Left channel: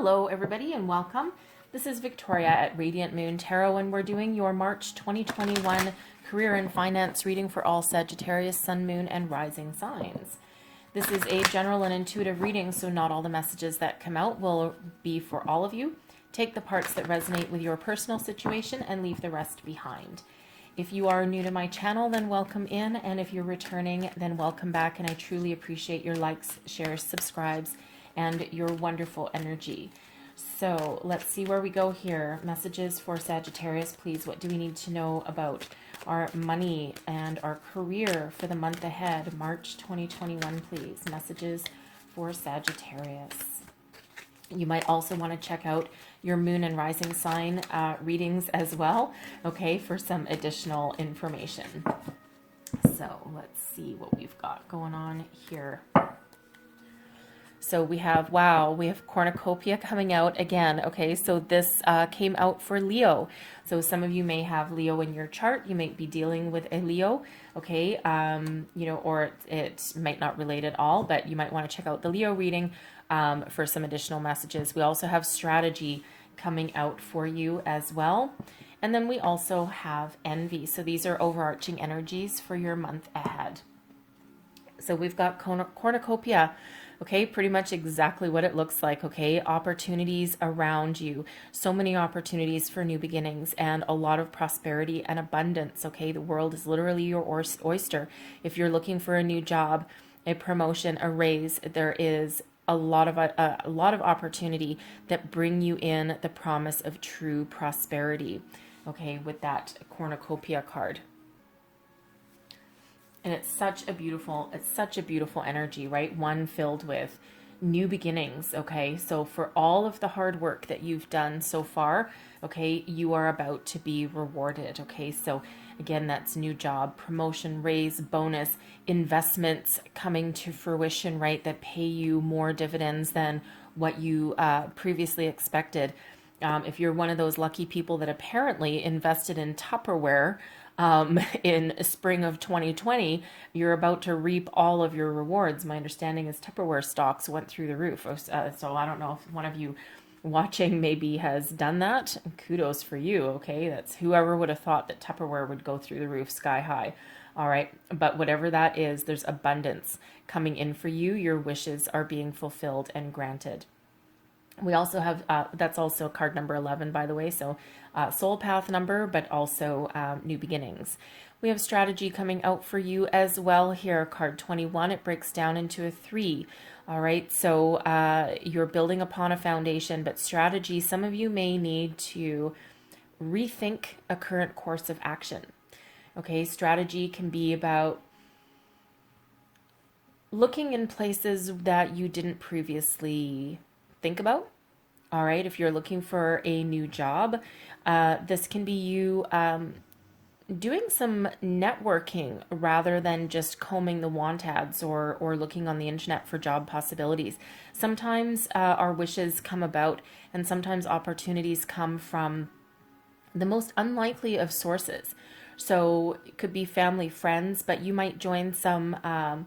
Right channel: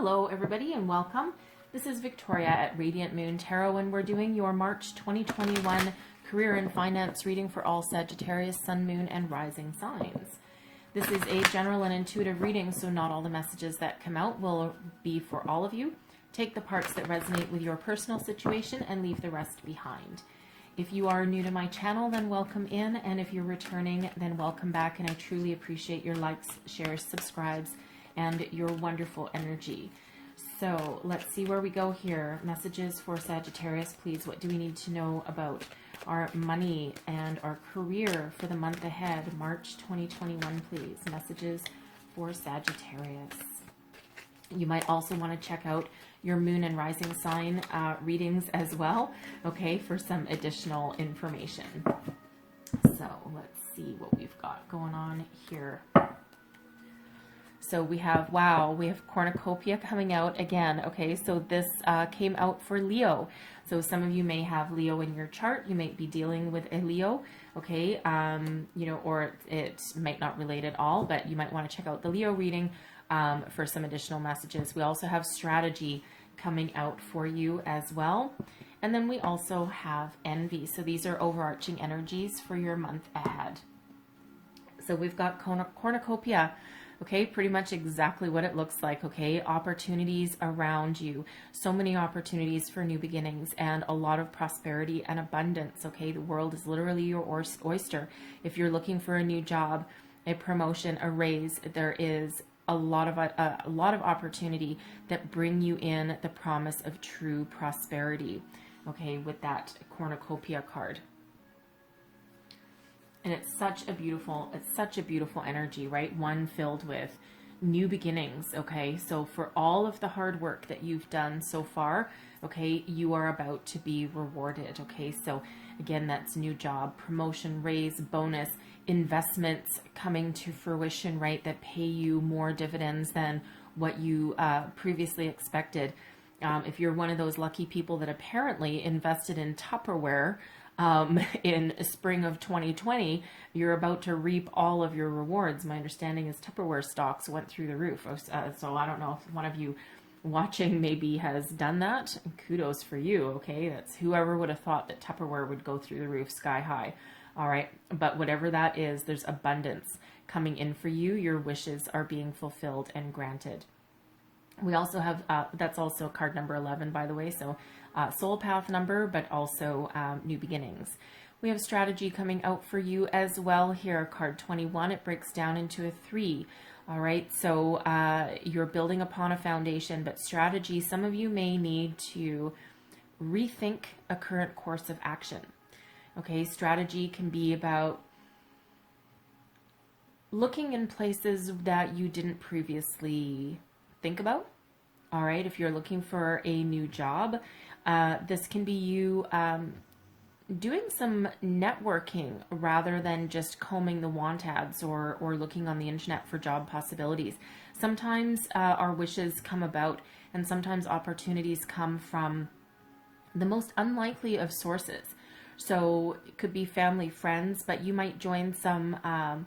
Hello everybody and welcome. This is Victoria at Radiant Moon Tarot and we're doing your March 2021 career and finance reading for all Sagittarius, Sun, Moon, and Rising signs. This is a general and intuitive reading, so not all the messages that come out will be for all of you. Take the parts that resonate with your personal situation and leave the rest behind. If you are new to my channel, then welcome in, and if you're returning, then welcome back, and I truly appreciate your likes, shares, subscribes, and your wonderful energy. So let's see where we go here. Messages for Sagittarius, please. What do we need to know about our money and our career for the month ahead? March 2021, please. Messages for Sagittarius. You might also want to check out your moon and rising sign readings as well, okay, for some additional information. So let's see what we've got going on here. So we have, wow, we have cornucopia coming out again. Okay, so this came out for Leo. So some of you may have Leo in your chart. You might be dealing with a Leo, okay, you know, or it might not relate at all, but you might want to check out the Leo reading for some additional messages. We also have strategy coming out for you as well. And then we also have envy. So these are overarching energies for your month ahead. So we've got cornucopia. Okay, pretty much exactly what it looks like, okay? Opportunities around you. So many opportunities for new beginnings and a lot of prosperity and abundance, okay? The world is literally your oyster. If you're looking for a new job, a promotion, a raise, there is a lot of opportunity that bring you in the promise of true prosperity, okay, with that cornucopia card. And it's such a beautiful energy, right? One filled with new beginnings, okay? So for all of the hard work that you've done so far, okay, you are about to be rewarded, okay? So again, that's new job, promotion, raise, bonus, investments coming to fruition, right? That pay you more dividends than what you previously expected. If you're one of those lucky people that apparently invested in Tupperware, in spring of 2020, you're about to reap all of your rewards. My understanding is Tupperware stocks went through the roof. So I don't know if one of you watching maybe has done that. Kudos for you, okay? That's whoever would have thought that Tupperware would go through the roof sky high. All right, but whatever that is, there's abundance coming in for you. Your wishes are being fulfilled and granted. We also have, that's also card number 11, by the way, so soul path number, but also new beginnings. We have strategy coming out for you as well here, card 21. It breaks down into a 3. All right, so you're building upon a foundation, but strategy, some of you may need to rethink a current course of action. Okay, strategy can be about looking in places that you didn't previously think about. All right, if you're looking for a new job, this can be you doing some networking rather than just combing the want ads or looking on the internet for job possibilities. Sometimes our wishes come about, and sometimes opportunities come from the most unlikely of sources. So it could be family, friends, but you might join some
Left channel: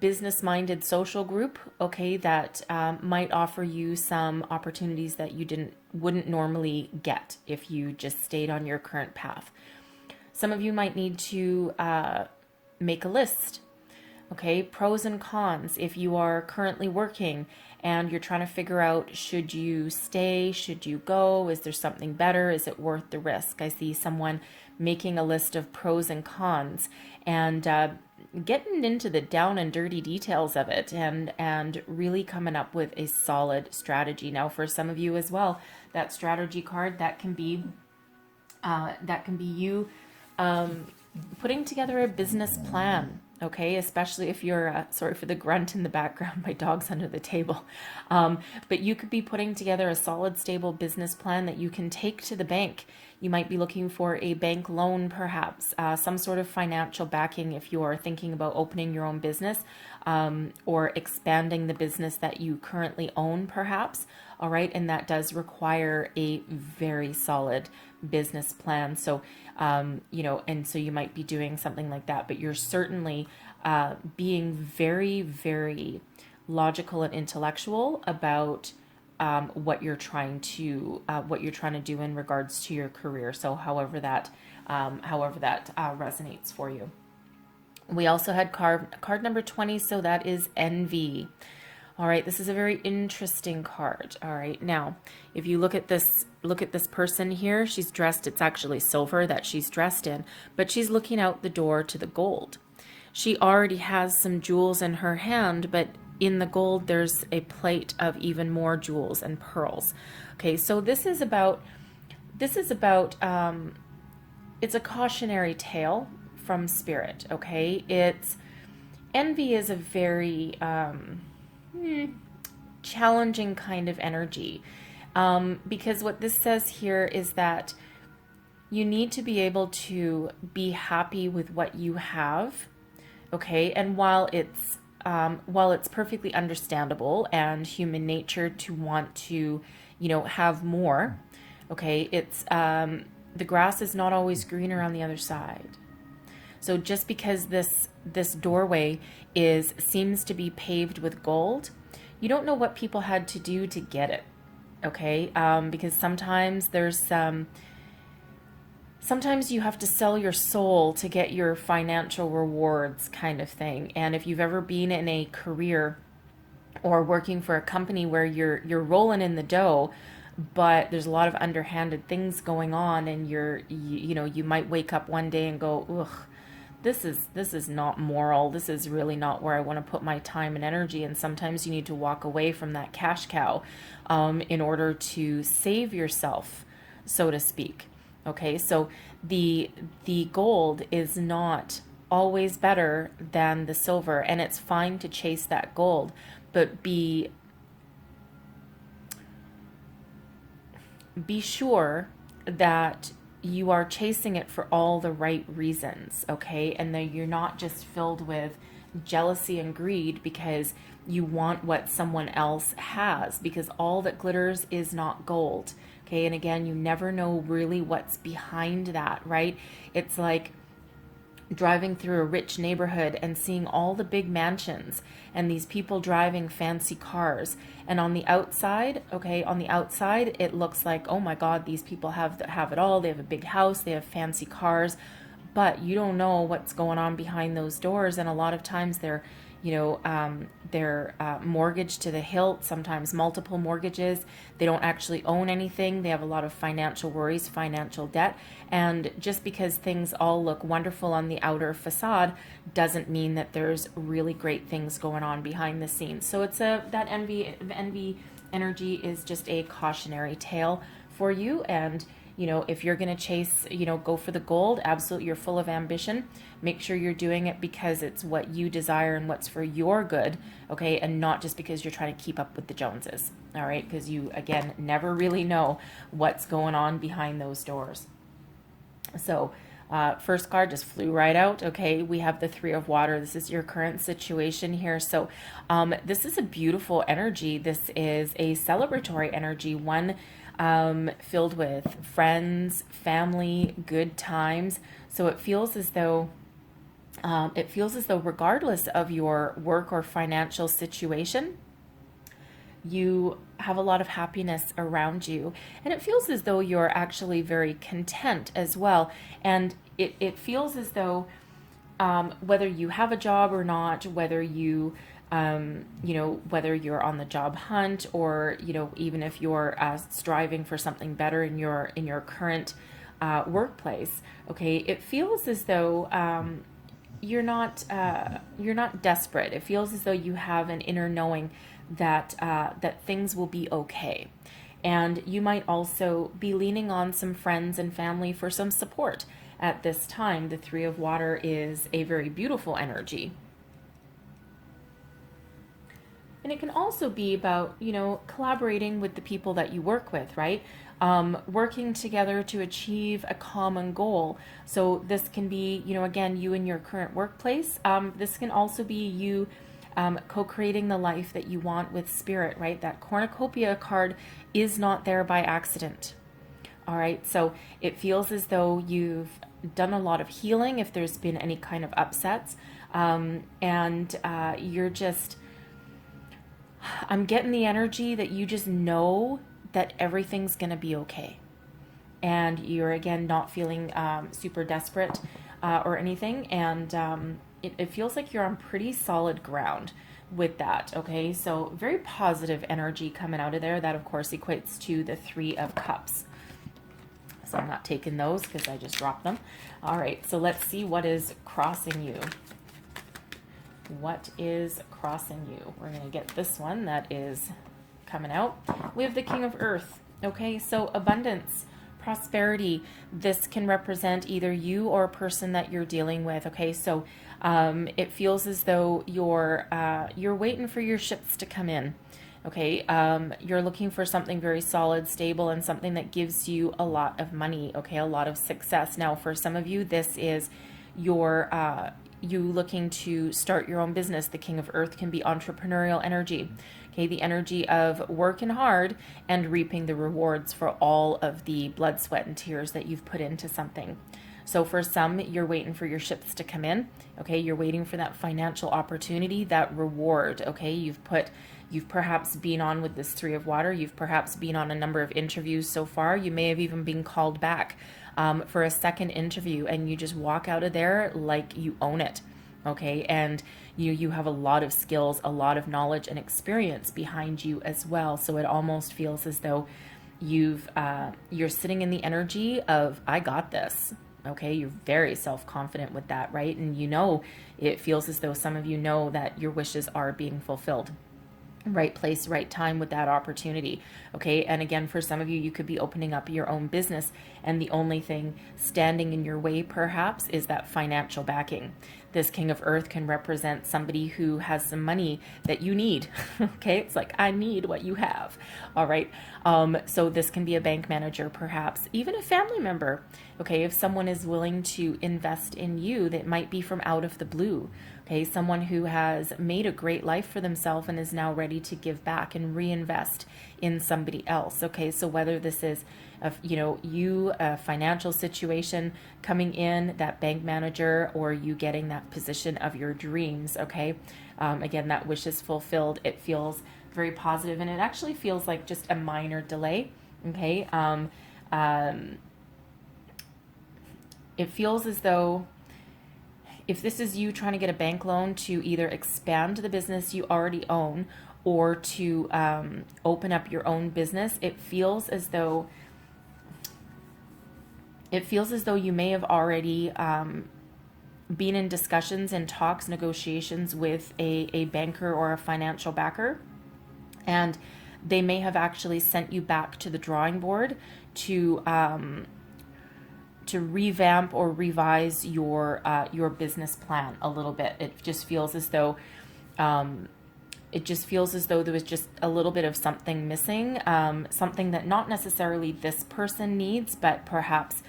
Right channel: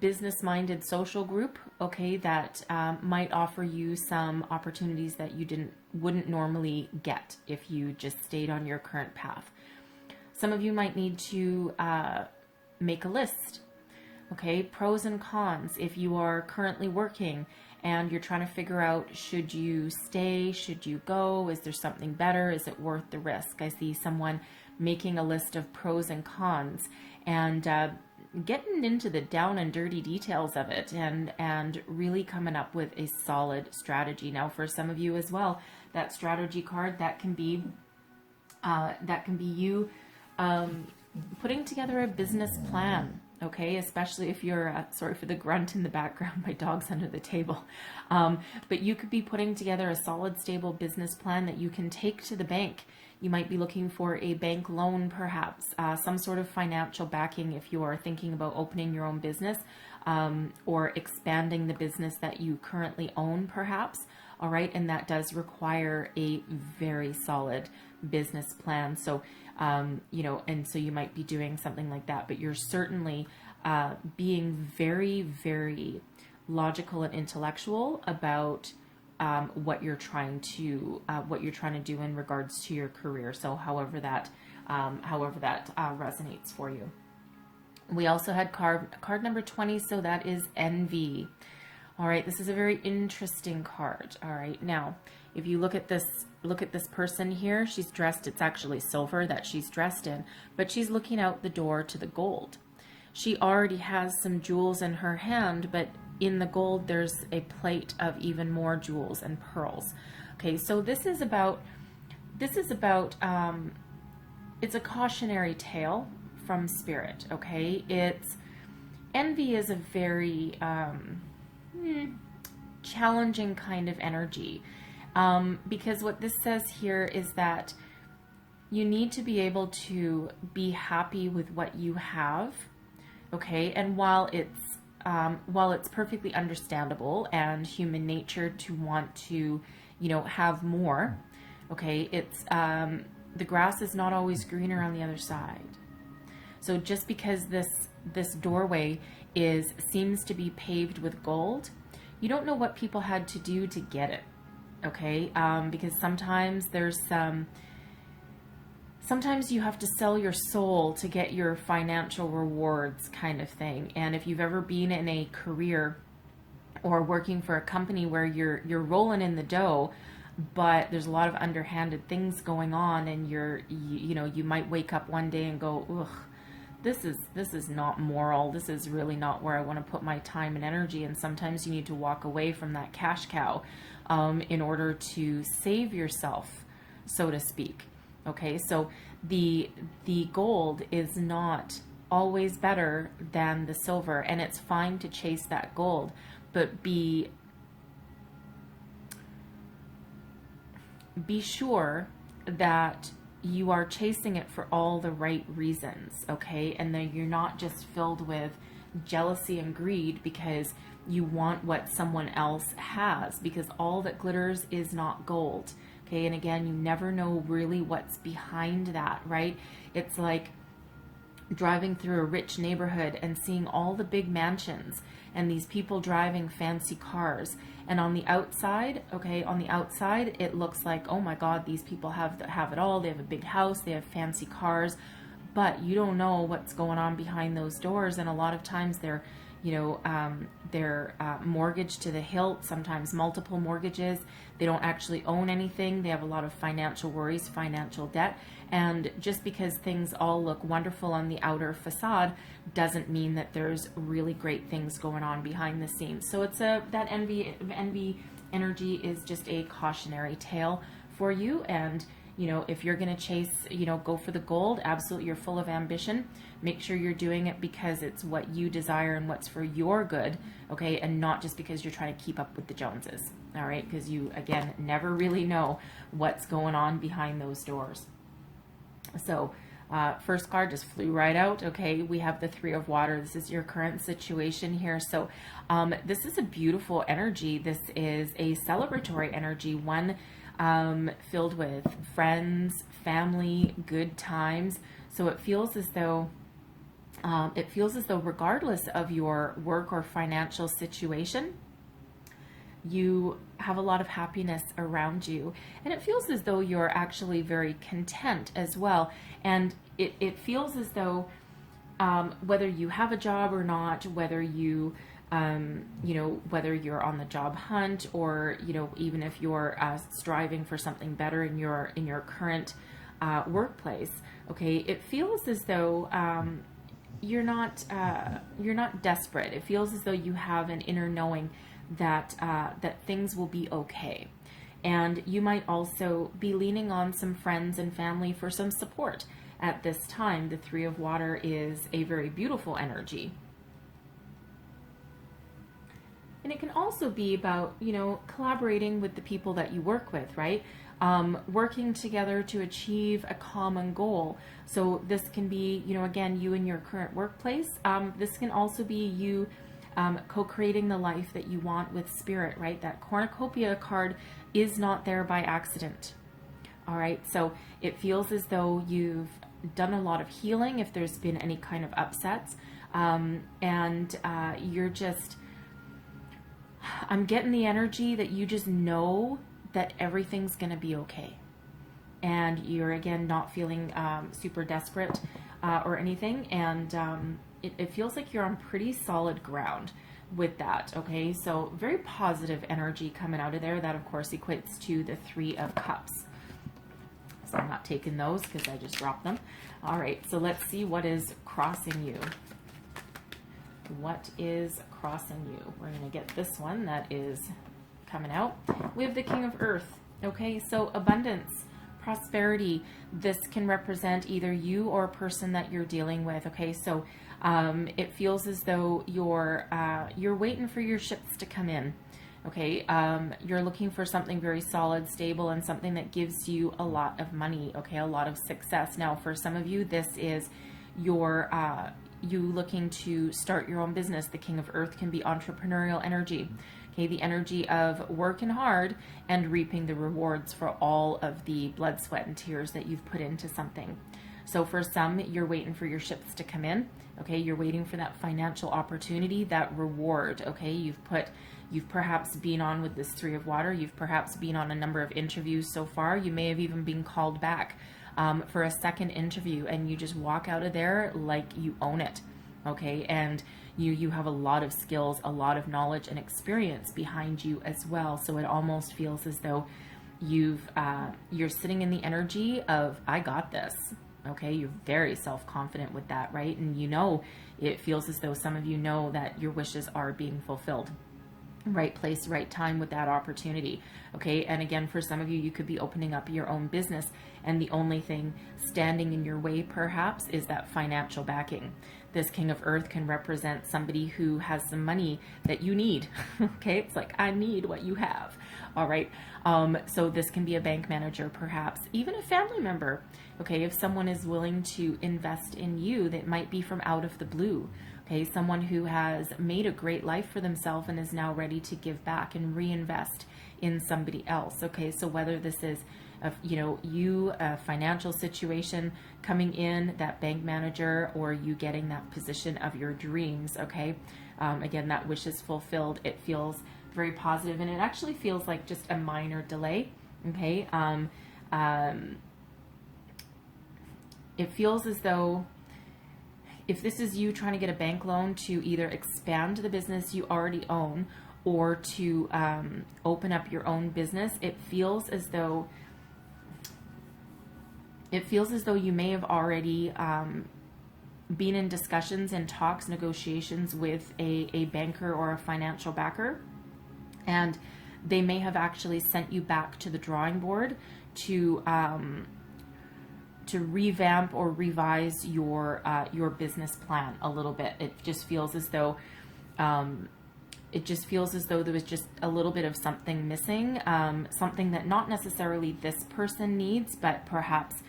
business-minded social group, okay, that might offer you some opportunities that you wouldn't normally get if you just stayed on your current path. Some of you might need to make a list, okay, pros and cons. If you are currently working and you're trying to figure out, should you stay, should you go, is there something better, is it worth the risk? I see someone making a list of pros and cons and getting into the down and dirty details of it and really coming up with a solid strategy. Now, for some of you as well, that strategy card, that can be you putting together a business plan, okay? Especially if you're, sorry for the grunt in the background, my dog's under the table. But you could be putting together a solid, stable business plan that you can take to the bank. You might be looking for a bank loan, perhaps, some sort of financial backing if you are thinking about opening your own business or expanding the business that you currently own, perhaps. All right, and that does require a very solid business plan. So, you know, and so you might be doing something like that, but you're certainly being very, very logical and intellectual about what you're trying to do in regards to your career. So however that resonates for you. We also had card number 20, so that is envy. All right, this is a very interesting card. All right, now if you look at this person here, she's dressed, it's actually silver that she's dressed in, but she's looking out the door to the gold. She already has some jewels in her hand, but in the gold there's a plate of even more jewels and pearls. Okay, so this is about it's a cautionary tale from spirit. Okay, envy is a very challenging kind of energy, because what this says here is that you need to be able to be happy with what you have. Okay, and while it's perfectly understandable and human nature to want to, have more, okay, it's the grass is not always greener on the other side. So just because this doorway seems to be paved with gold, you don't know what people had to do to get it. Okay, because sometimes sometimes you have to sell your soul to get your financial rewards, kind of thing. And if you've ever been in a career or working for a company where you're rolling in the dough, but there's a lot of underhanded things going on, and you might wake up one day and go, ugh, this is not moral. This is really not where I want to put my time and energy. And sometimes you need to walk away from that cash cow in order to save yourself, so to speak. Okay, so the gold is not always better than the silver, and it's fine to chase that gold, but be sure that you are chasing it for all the right reasons, okay? And that you're not just filled with jealousy and greed because you want what someone else has, because all that glitters is not gold, okay? And again, you never know really what's behind that, right? It's like driving through a rich neighborhood and seeing all the big mansions and these people driving fancy cars, and on the outside, it looks like, oh my God, these people have it all. They have a big house, they have fancy cars, but you don't know what's going on behind those doors. And a lot of times they're mortgaged to the hilt, sometimes multiple mortgages. They don't actually own anything. They have a lot of financial worries, financial debt. And just because things all look wonderful on the outer facade doesn't mean that there's really great things going on behind the scenes. So it's that envy energy is just a cautionary tale for you. And if you're going to chase, go for the gold, absolutely, you're full of ambition. Make sure you're doing it because it's what you desire and what's for your good, okay? And not just because you're trying to keep up with the Joneses, all right? Because you, again, never really know what's going on behind those doors. So first card just flew right out, okay? We have the Three of Water. This is your current situation here. So this is a beautiful energy. This is a celebratory energy, one filled with friends, family, good times. So it feels as though regardless of your work or financial situation, you have a lot of happiness around you, and it feels as though you're actually very content as well. And it feels as though whether you have a job or not, whether you whether you're on the job hunt or, even if you're striving for something better in your current workplace, okay, it feels as though you're not desperate. It feels as though you have an inner knowing that things will be okay. And you might also be leaning on some friends and family for some support at this time. The Three of Water is a very beautiful energy. And it can also be about, collaborating with the people that you work with, right? Working together to achieve a common goal. So this can be, again, you in your current workplace. This can also be you co-creating the life that you want with spirit, right? That cornucopia card is not there by accident. All right. So it feels as though you've done a lot of healing if there's been any kind of upsets. And you're just, I'm getting the energy that you just know that everything's going to be okay. And you're, again, not feeling super desperate or anything. And it feels like you're on pretty solid ground with that. Okay, so very positive energy coming out of there. That, of course, equates to the Three of Cups. So I'm not taking those because I just dropped them. All right, so let's see what is crossing you. What is crossing you? We're going to get this one that is coming out. We have the King of Earth. Okay, so abundance, prosperity. This can represent either you or a person that you're dealing with. Okay, so it feels as though you're waiting for your ships to come in. Okay, you're looking for something very solid, stable, and something that gives you a lot of money. Okay, a lot of success. Now, for some of you, this is your you looking to start your own business. The King of Earth can be entrepreneurial energy. Okay, the energy of working hard and reaping the rewards for all of the blood, sweat, and tears that you've put into something. So for some, you're waiting for your ships to come in. Okay, you're waiting for that financial opportunity, that reward. Okay, you've perhaps been on with this Three of Water. You've perhaps been on a number of interviews so far. You may have even been called back for a second interview, and you just walk out of there like you own it. Okay, and you have a lot of skills, a lot of knowledge and experience behind you as well. So it almost feels as though you're sitting in the energy of, I got this. Okay, you're very self-confident with that, right? And it feels as though some of you know that your wishes are being fulfilled. Right place, right time with that opportunity. Okay, and again, for some of you, you could be opening up your own business, and the only thing standing in your way perhaps is that financial backing. This King of Earth can represent somebody who has some money that you need. Okay, it's like, I need what you have. All right, so this can be a bank manager, perhaps even a family member. Okay, if someone is willing to invest in you, that might be from out of the blue. Okay, someone who has made a great life for themselves and is now ready to give back and reinvest in somebody else. Okay, so whether this is a financial situation coming in, that bank manager, or you getting that position of your dreams. Okay, again, that wish is fulfilled. It feels very positive, and it actually feels like just a minor delay. Okay, it feels as though, if this is you trying to get a bank loan to either expand the business you already own or to open up your own business, it feels as though you may have already been in discussions and talks, negotiations with a banker or a financial backer, and they may have actually sent you back to the drawing board to revamp or revise your business plan a little bit. It just feels as though there was just a little bit of something missing, something that not necessarily this person needs, but perhaps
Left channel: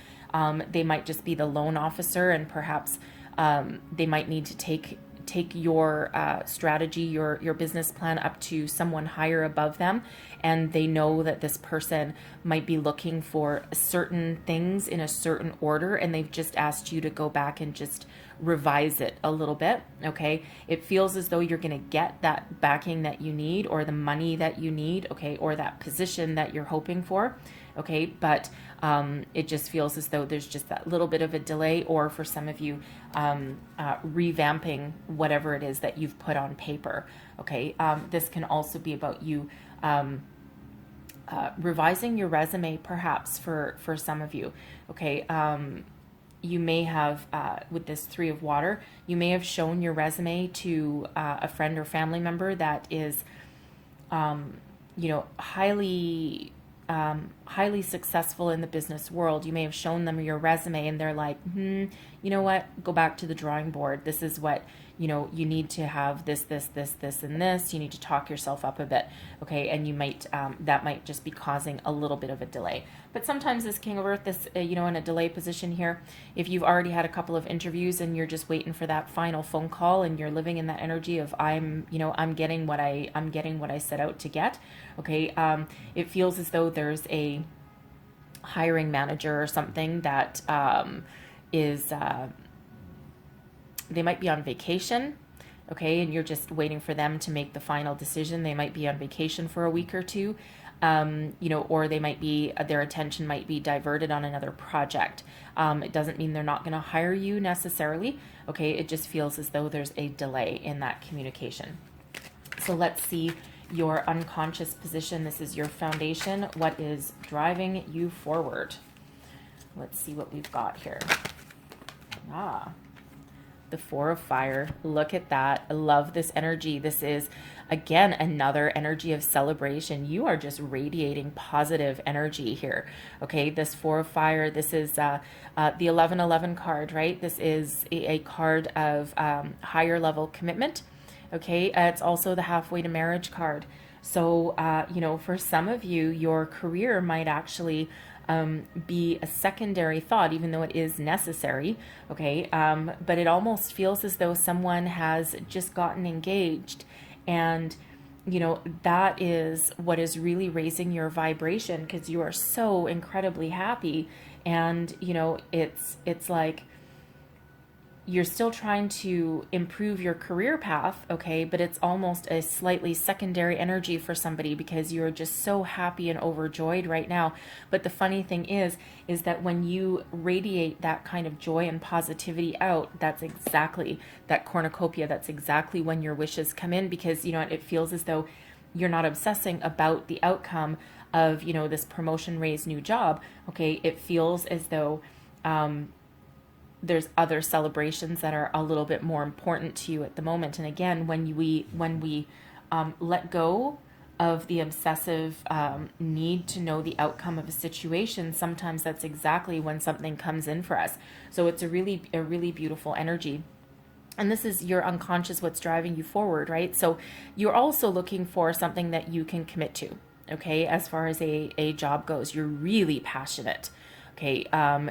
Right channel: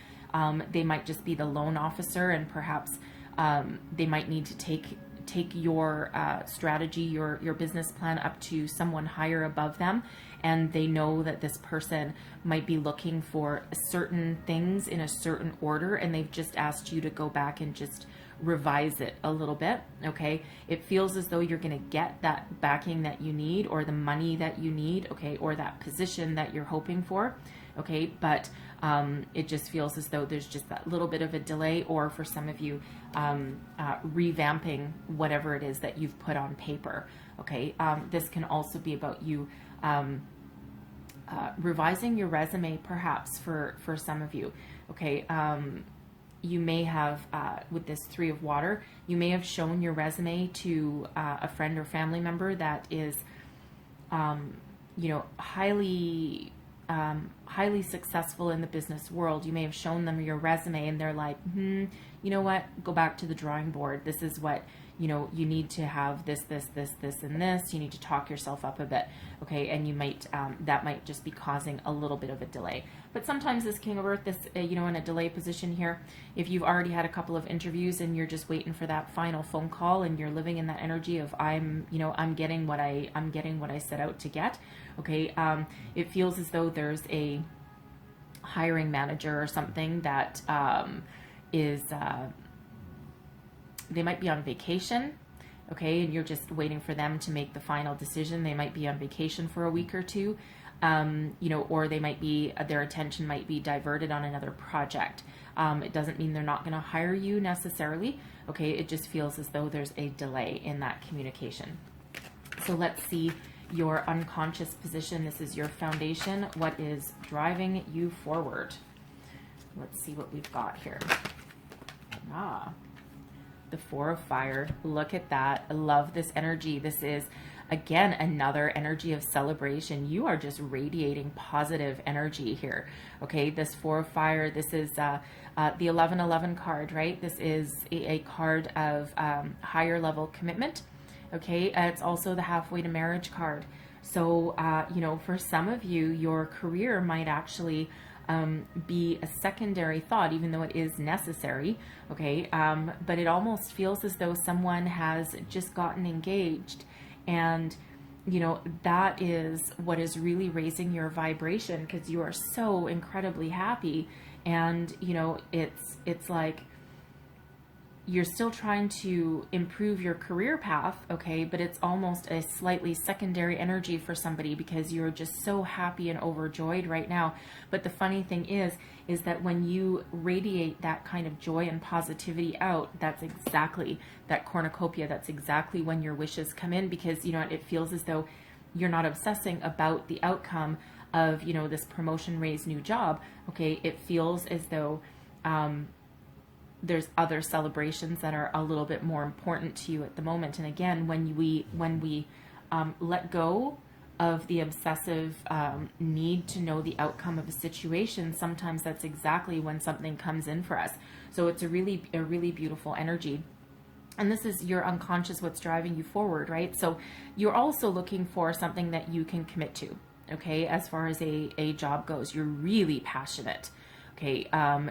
they might just be the loan officer, and perhaps they might need to take your strategy, your business plan up to someone higher above them, and they know that this person might be looking for certain things in a certain order, and they've just asked you to go back and just revise it a little bit. Okay, it feels as though you're going to get that backing that you need, or the money that you need, okay, or that position that you're hoping for. Okay, but it just feels as though there's just that little bit of a delay, or for some of you, revamping whatever it is that you've put on paper. Okay, this can also be about you revising your resume, perhaps for some of you. Okay, you may have, with this Three of Water, you may have shown your resume to a friend or family member that is, highly successful in the business world. You may have shown them your resume, and they're like, you know what, go back to the drawing board. This is what, you need to have this, and this. You need to talk yourself up a bit. Okay, and you might, that might just be causing a little bit of a delay. But sometimes this King of Earth, this, in a delay position here, if you've already had a couple of interviews and you're just waiting for that final phone call, and you're living in that energy of, I'm getting what I set out to get. Okay, it feels as though there's a hiring manager or something that is, they might be on vacation. okay, and you're just waiting for them to make the final decision. They might be on vacation for a week or two, or they might be, their attention might be diverted on another project. It doesn't mean they're not going to hire you necessarily, okay? It just feels as though there's a delay in that communication. So let's see your unconscious position. This is your foundation. What is driving you forward? Let's see what we've got here. The Four of Fire. Look at that. I love this energy. This is, again, another energy of celebration. You are just radiating positive energy here. Okay, this Four of Fire, this is the 1111 card, right? This is a card of higher level commitment. Okay, it's also the halfway to marriage card. So, for some of you, your career might actually be a secondary thought, even though it is necessary. Okay, but it almost feels as though someone has just gotten engaged, and that is what is really raising your vibration, because you are so incredibly happy, and it's like you're still trying to improve your career path, okay, but it's almost a slightly secondary energy for somebody because you're just so happy and overjoyed right now. But the funny thing is that when you radiate that kind of joy and positivity out, that's exactly that cornucopia. That's exactly when your wishes come in, because it feels as though you're not obsessing about the outcome of this promotion, raise, new job. Okay, it feels as though there's other celebrations that are a little bit more important to you at the moment. And again, when we let go of the obsessive need to know the outcome of a situation, sometimes that's exactly when something comes in for us. So it's a really beautiful energy. And this is your unconscious, what's driving you forward, right? So you're also looking for something that you can commit to, okay? As far as a job goes, you're really passionate. Okay,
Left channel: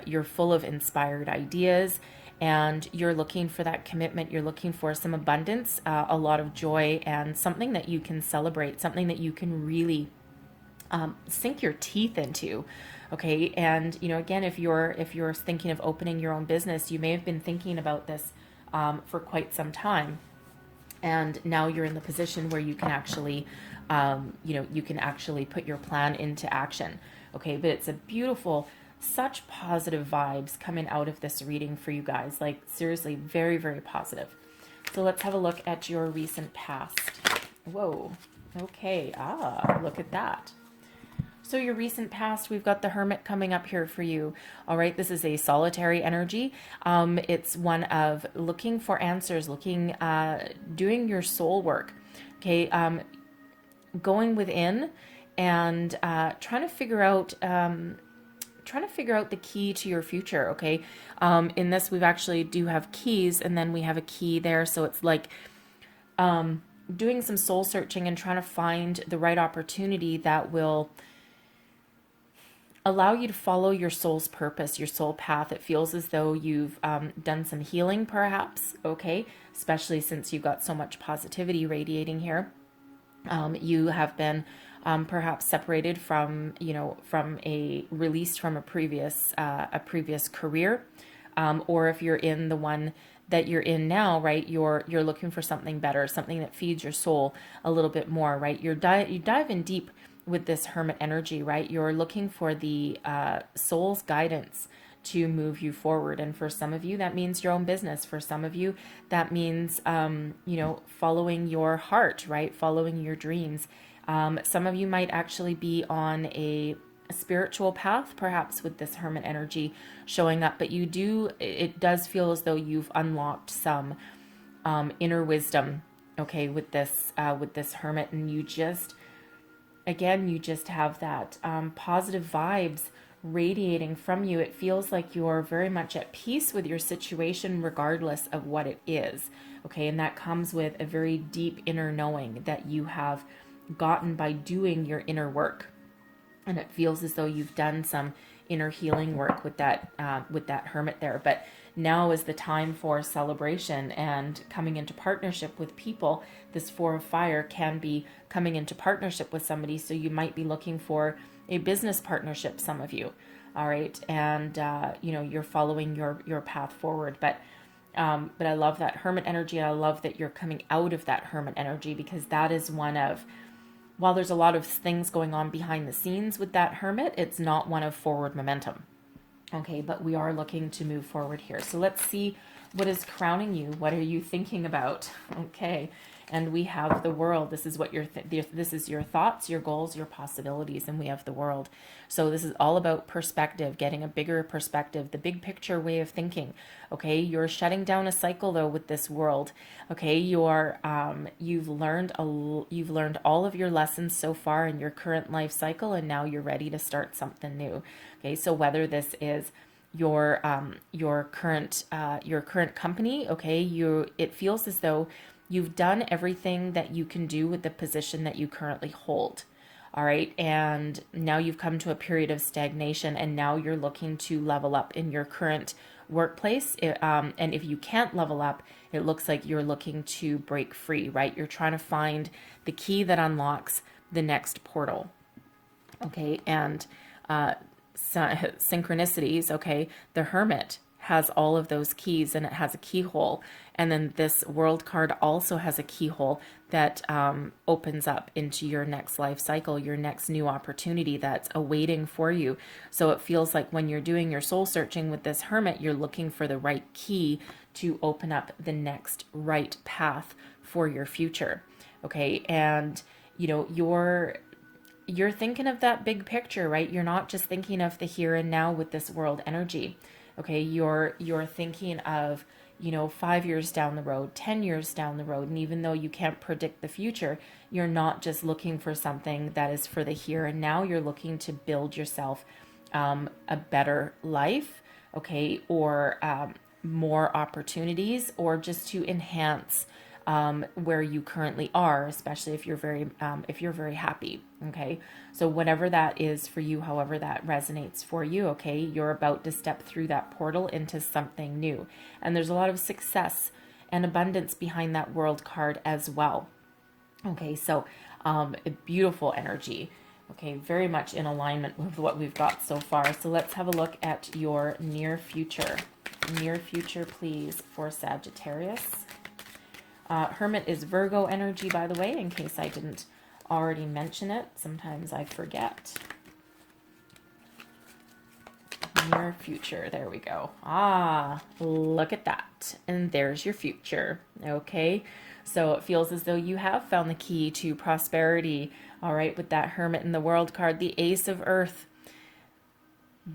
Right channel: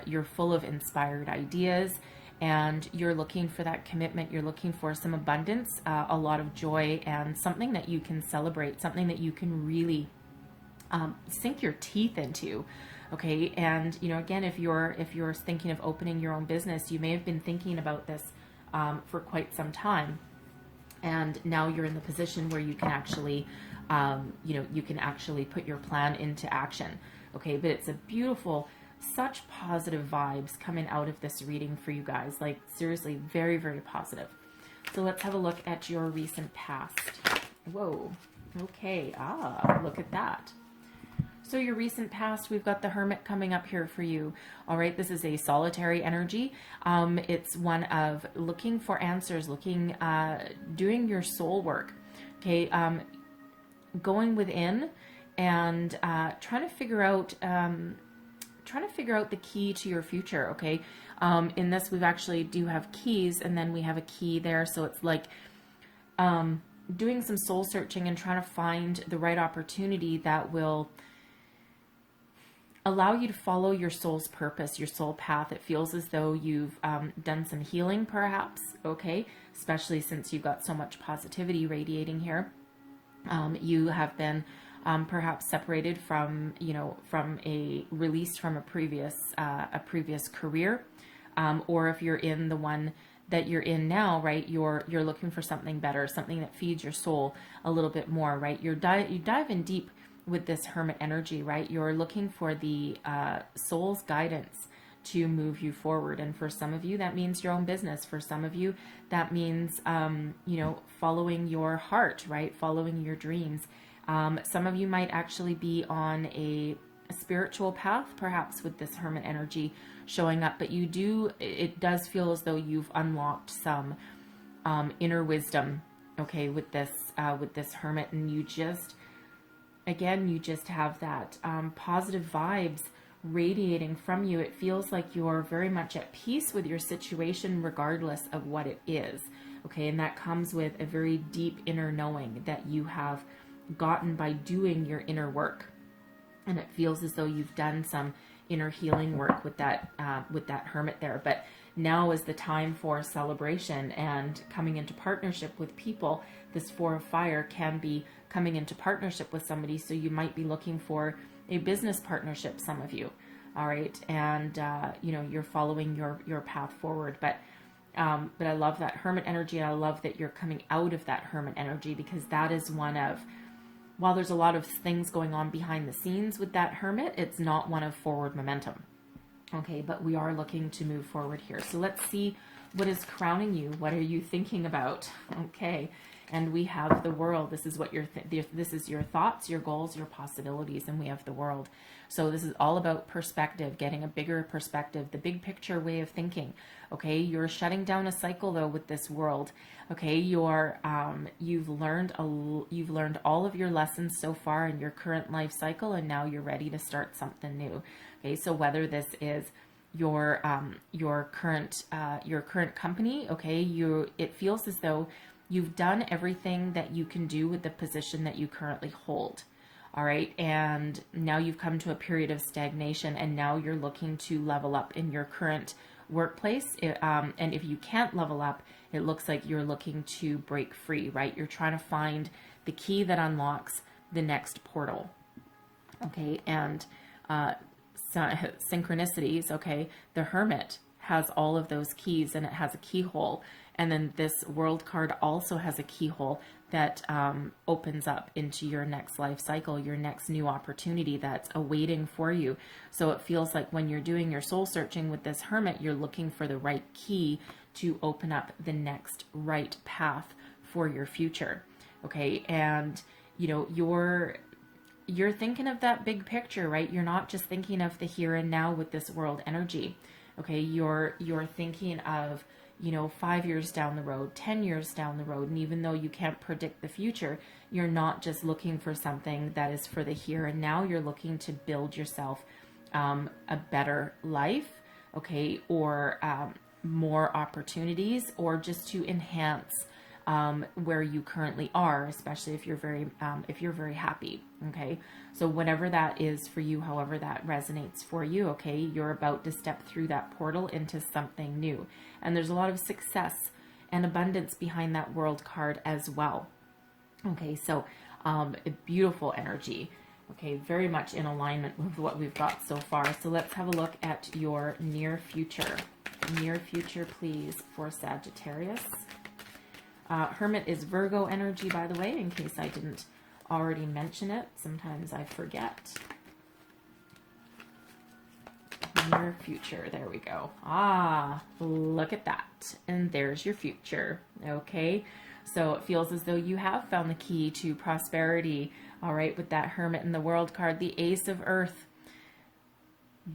you're full of inspired ideas, and you're looking for that commitment. You're looking for some abundance, a lot of joy, and something that you can celebrate, something that you can really sink your teeth into. Okay, and again, if you're thinking of opening your own business, you may have been thinking about this for quite some time, and now you're in the position where you can actually, put your plan into action. Okay, but it's a beautiful, such positive vibes coming out of this reading for you guys. Like, seriously, very, very positive. So let's have a look at your recent past. Whoa. Okay. Look at that. So your recent past, we've got the Hermit coming up here for you. All right. This is a solitary energy. It's one of looking for answers, doing your soul work. Okay. Going within and trying to figure out the key to your future. Okay. In this, we've actually do have keys, and then we have a key there. So it's like doing some soul searching and trying to find the right opportunity that will allow you to follow your soul's purpose, your soul path. It feels as though you've done some healing, perhaps. Okay. Especially since you've got so much positivity radiating here. You have been perhaps separated from released from a previous career, or if you're in the one that you're in now, right, you're looking for something better, something that feeds your soul a little bit more, right? You dive in deep with this Hermit energy, right? You're looking for the soul's guidance to move you forward, and for some of you that means your own business. For some of you that means following your heart, right, following your dreams. Some of you might actually be on a spiritual path, perhaps with this Hermit energy showing up, but it does feel as though you've unlocked some inner wisdom, okay, with this Hermit, and you just have that positive vibes radiating from you. It feels like you're very much at peace with your situation, regardless of what it is, okay, and that comes with a very deep inner knowing that you have gotten by doing your inner work. And it feels as though you've done some inner healing work with that Hermit there. But now is the time for celebration and coming into partnership with people. This Four of Fire can be coming into partnership with somebody. So you might be looking for a business partnership, some of you. All right. And, you're following your path forward. But But I love that Hermit energy, and I love that you're coming out of that Hermit energy, because that is one of, while there's a lot of things going on behind the scenes with that Hermit, it's not one of forward momentum. Okay, but we are looking to move forward here. So let's see what is crowning you. What are you thinking about? Okay, and we have the World. This is what this is your thoughts, your goals, your possibilities, and we have the World. So this is all about perspective, getting a bigger perspective, the big picture way of thinking. Okay, you're shutting down a cycle though with this World. Okay, you've learned all of your lessons so far in your current life cycle, and now you're ready to start something new. Okay, so whether this is your current company, okay, it feels as though you've done everything that you can do with the position that you currently hold. All right, and now you've come to a period of stagnation, and now you're looking to level up in your current workplace. And if you can't level up, it looks like you're looking to break free, right? You're trying to find the key that unlocks the next portal. Okay, and synchronicities, okay, the Hermit has all of those keys, and it has a keyhole, and then this World card also has a keyhole that opens up into your next life cycle, your next new opportunity that's awaiting for you. So it feels like when you're doing your soul searching with this Hermit, you're looking for the right key to open up the next right path for your future. Okay, and you're thinking of that big picture, right? You're not just thinking of the here and now with this World energy. Okay, you're thinking of 5 years down the road, 10 years down the road. And even though you can't predict the future, you're not just looking for something that is for the here and now. You're looking to build yourself a better life, okay, or more opportunities, or just to enhance where you currently are, especially if you're very happy. Okay, so whatever that is for you, however that resonates for you, okay, you're about to step through that portal into something new, and there's a lot of success and abundance behind that World card as well. Okay, so a beautiful energy. Okay, very much in alignment with what we've got so far. So let's have a look at your near future. Near future, please, for Sagittarius. Hermit is Virgo energy, by the way, in case I didn't already mention it. Sometimes I forget. Near future, there we go. Ah, look at that. And there's your future. Okay, so it feels as though you have found the key to prosperity. All right, with that Hermit in the World card, the Ace of Earth.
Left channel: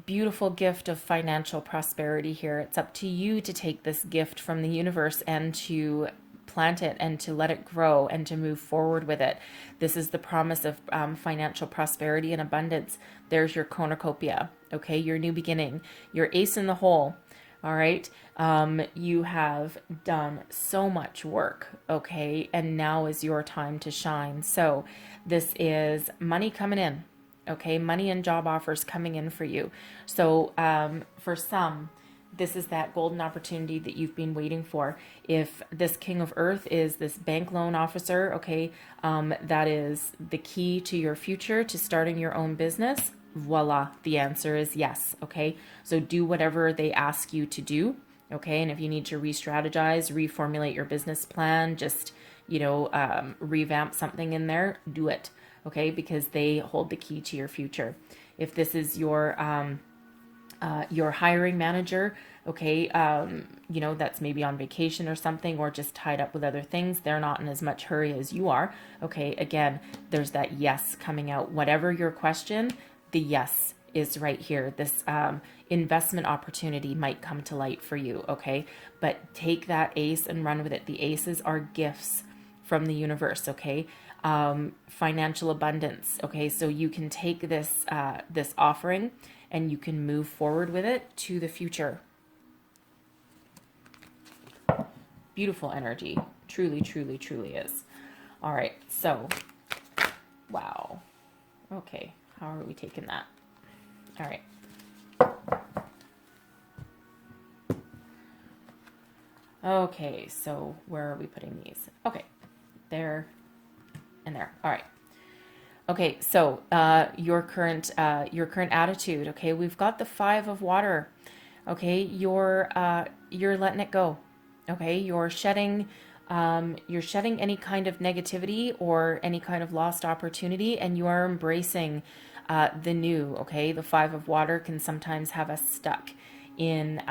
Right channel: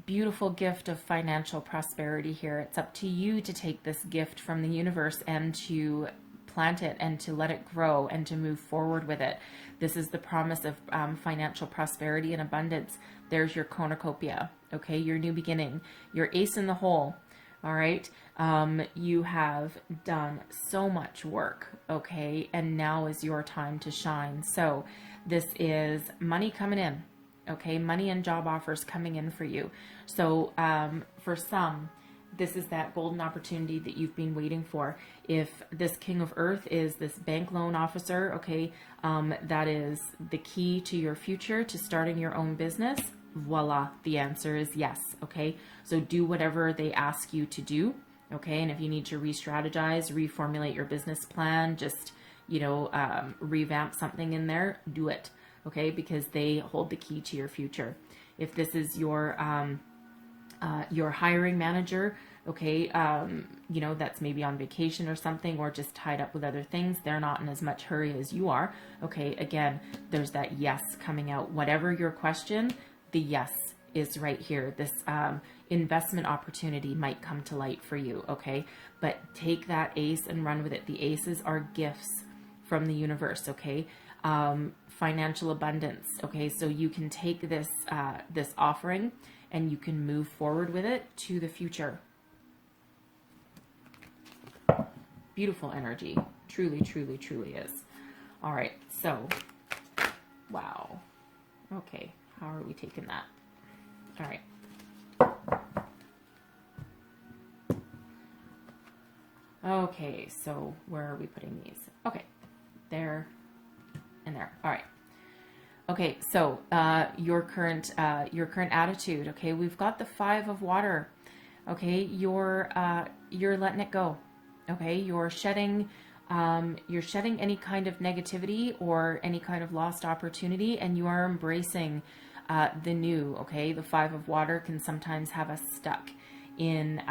Beautiful gift of financial prosperity here. It's up to you to take this gift from the universe and to plant it and to let it grow and to move forward with it. This is the promise of financial prosperity and abundance. There's your cornucopia, okay, your new beginning, your ace in the hole. All right, you have done so much work, okay, and now is your time to shine. So this is money coming in, okay, money and job offers coming in for you. So for some, this is that golden opportunity that you've been waiting for. If this King of Earth is this bank loan officer, okay, that is the key to your future, to starting your own business. Voila, the answer is yes, okay? So do whatever they ask you to do, okay? And if you need to re-strategize, reformulate your business plan, just, revamp something in there, do it, okay? Because they hold the key to your future. If this is your hiring manager, okay, that's maybe on vacation or something, or just tied up with other things, they're not in as much hurry as you are, okay, again, there's that yes coming out. Whatever your question, the yes is right here. This investment opportunity might come to light for you, okay, but take that ace and run with it. The aces are gifts from the universe, okay, financial abundance, okay, so you can take this offering and you can move forward with it to the future. Beautiful energy. Truly, truly, truly is. All right, so, wow. Okay, how are we taking that? All right. Okay, so where are we putting these? Okay, there and there. All right. Okay, so your current attitude. Okay, we've got the 5 of water. Okay, you're letting it go. Okay, you're shedding any kind of negativity or any kind of lost opportunity, and you are embracing the new. Okay, the Five of Water can sometimes have us stuck in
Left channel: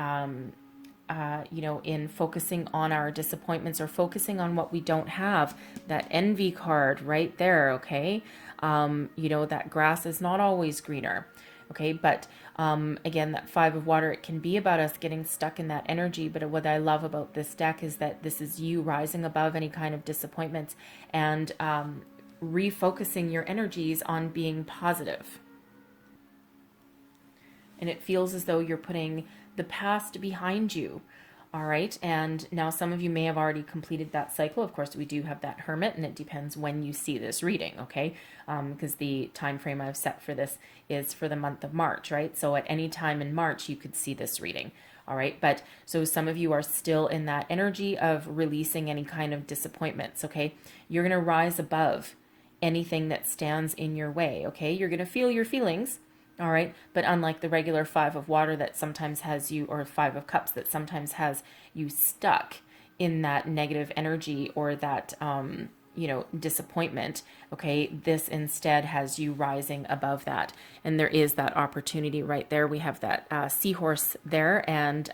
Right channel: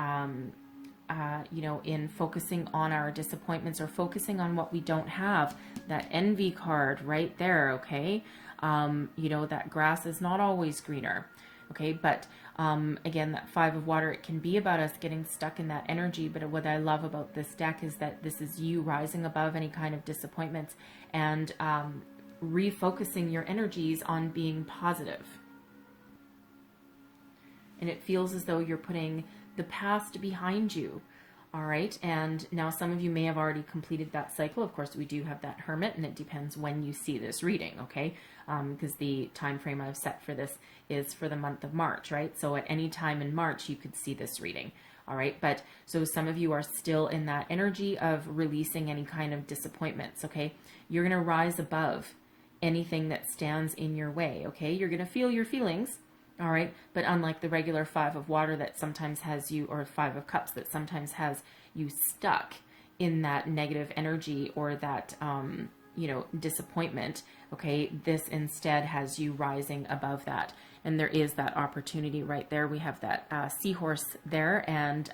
in focusing on our disappointments or focusing on what we don't have. That envy card right there, okay? That grass is not always greener, okay? But again, that Five of Water, it can be about us getting stuck in that energy. But what I love about this deck is that this is you rising above any kind of disappointments and refocusing your energies on being positive. And it feels as though you're putting the past behind you. All right. And now some of you may have already completed that cycle. Of course, we do have that Hermit, and it depends when you see this reading. Okay. Because the time frame I've set for this is for the month of March, right? So at any time in March, you could see this reading. All right. But so some of you are still in that energy of releasing any kind of disappointments. Okay. You're going to rise above anything that stands in your way. Okay. You're going to feel your feelings. All right. But unlike the regular Five of Water that sometimes has you, or Five of Cups that sometimes has you stuck in that negative energy or that, disappointment. Okay. This instead has you rising above that. And there is that opportunity right there. We have that seahorse there. And,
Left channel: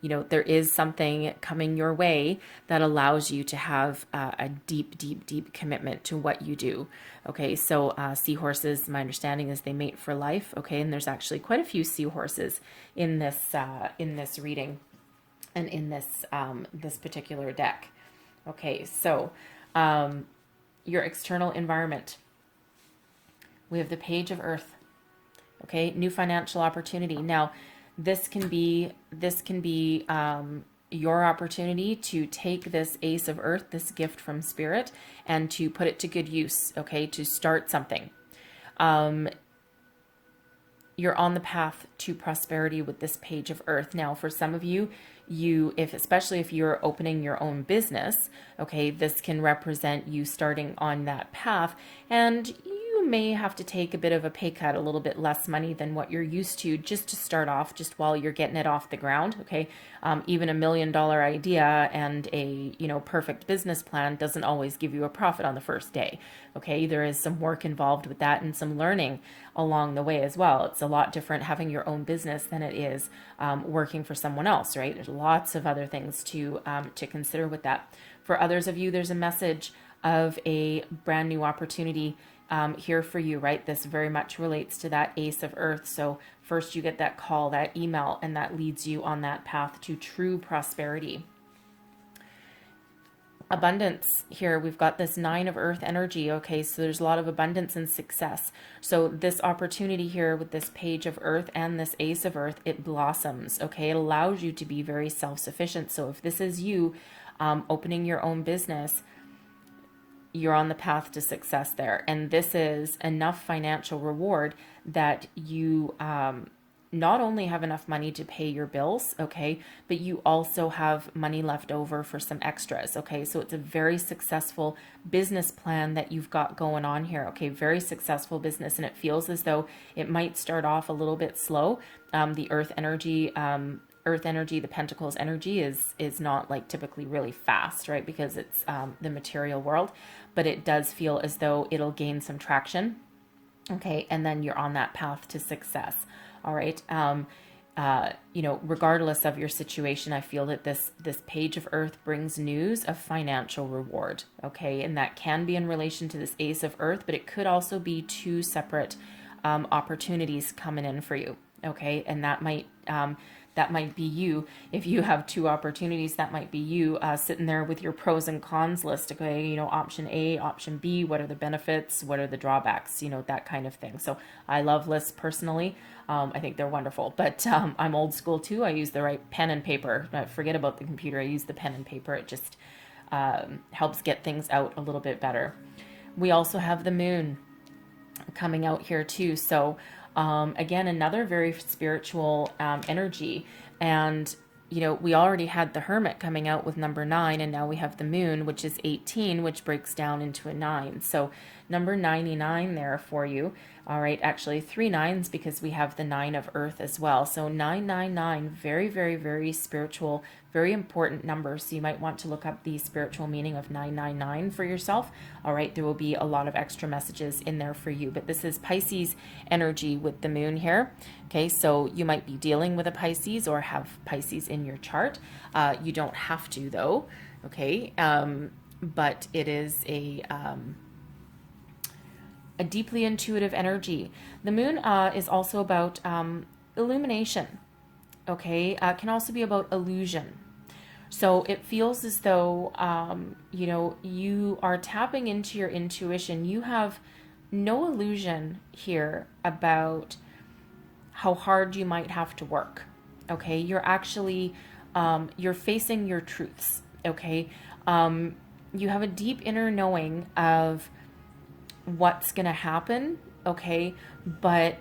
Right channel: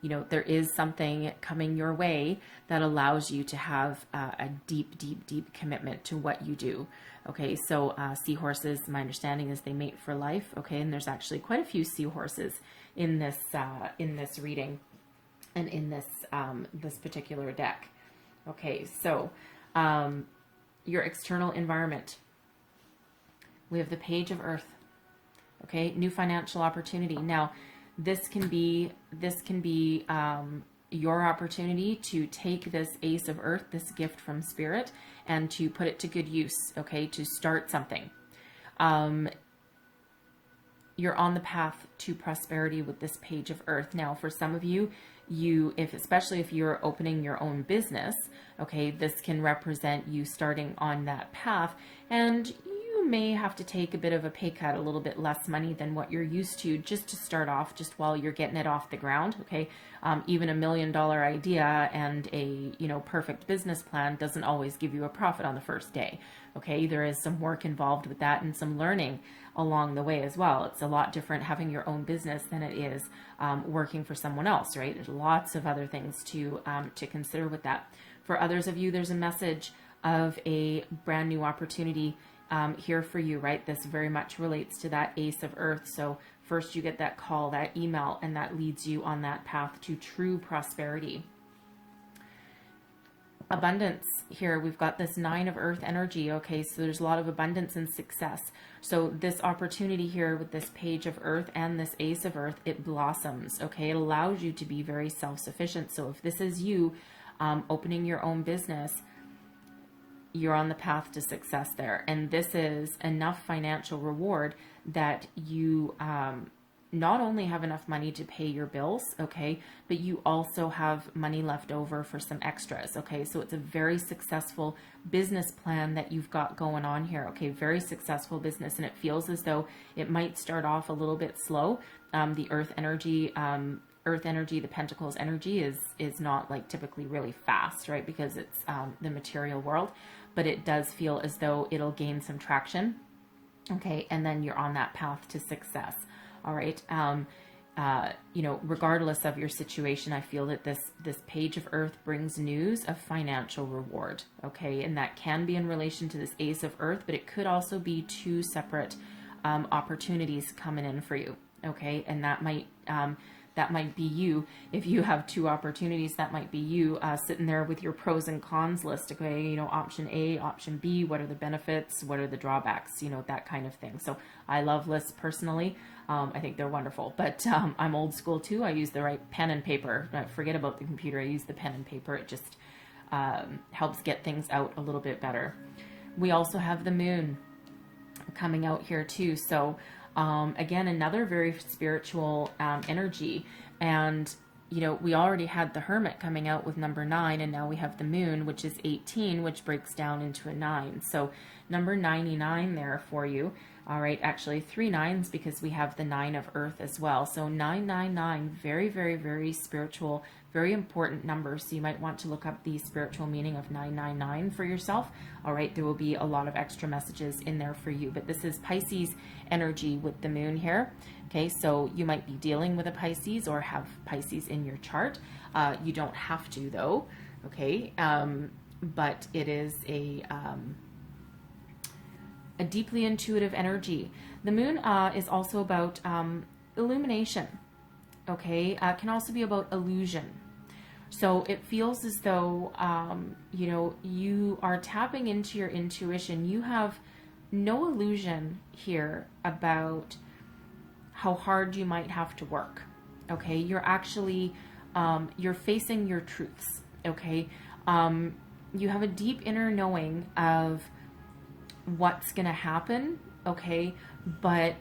there is something coming your way that allows you to have a deep, deep, deep commitment to what you do. Okay, so seahorses, my understanding is they mate for life. Okay, and there's actually quite a few seahorses in this reading and in this particular deck. Okay, so your external environment. We have the Page of Earth. Okay, new financial opportunity. Now, this can be your opportunity to take this Ace of Earth, this gift from Spirit, and to put it to good use. Okay, to start something. You're on the path to prosperity with this Page of Earth. Now, for some of you, especially if you're opening your own business, okay, this can represent you starting on that path, and may have to take a bit of a pay cut, a little bit less money than what you're used to, just to start off, just while you're getting it off the ground. Okay. Even $1 million idea and a, perfect business plan doesn't always give you a profit on the first day. Okay. There is some work involved with that and some learning along the way as well. It's a lot different having your own business than it is working for someone else, right? There's lots of other things to consider with that. For others of you, there's a message of a brand new opportunity here for you, right? This very much relates to that Ace of Earth. So first you get that call, that email, and that leads you on that path to true prosperity. Abundance here. We've got this Nine of Earth energy. Okay, so there's a lot of abundance and success. So this opportunity here with this Page of Earth and this Ace of Earth, it blossoms. Okay, it allows you to be very self-sufficient. So if this is you opening your own business, you're on the path to success there. And this is enough financial reward that you not only have enough money to pay your bills, okay, but you also have money left over for some extras, okay? So it's a very successful business plan that you've got going on here, okay? Very successful business, and it feels as though it might start off a little bit slow. The Earth energy, the Pentacles energy is not like typically really fast, right? Because it's the material world, but it does feel as though it'll gain some traction. Okay. And then you're on that path to success. All right. Regardless of your situation, I feel that this Page of Earth brings news of financial reward. Okay. And that can be in relation to this Ace of Earth, but it could also be two separate opportunities coming in for you. Okay. And that might be you. If you have two opportunities, that might be you sitting there with your pros and cons list. Okay, option A, option B, what are the benefits? What are the drawbacks? That kind of thing. So I love lists personally. I think they're wonderful, but I'm old school too. I use the right pen and paper. Forget about the computer. I use the pen and paper. It just helps get things out a little bit better. We also have the moon coming out here too. So again, another very spiritual energy. And, we already had the Hermit coming out with number 9, and now we have the moon, which is 18, which breaks down into a 9. So number 99 there for you. All right, actually 3 nines because we have the 9 of earth as well. So 999, very, very, very spiritual, very important number. So you might want to look up the spiritual meaning of 999 for yourself. All right, there will be a lot of extra messages in there for you. But this is Pisces energy with the moon here. Okay, so you might be dealing with a Pisces or have Pisces in your chart. You don't have to though. Okay, but it is a deeply intuitive energy. The moon is also about illumination, okay? Can also be about illusion. So it feels as though, you know, you are tapping into your intuition. You have no illusion here about how hard you might have to work, okay? You're actually, you're facing your truths, okay? You have a deep inner knowing of what's going to happen, okay? But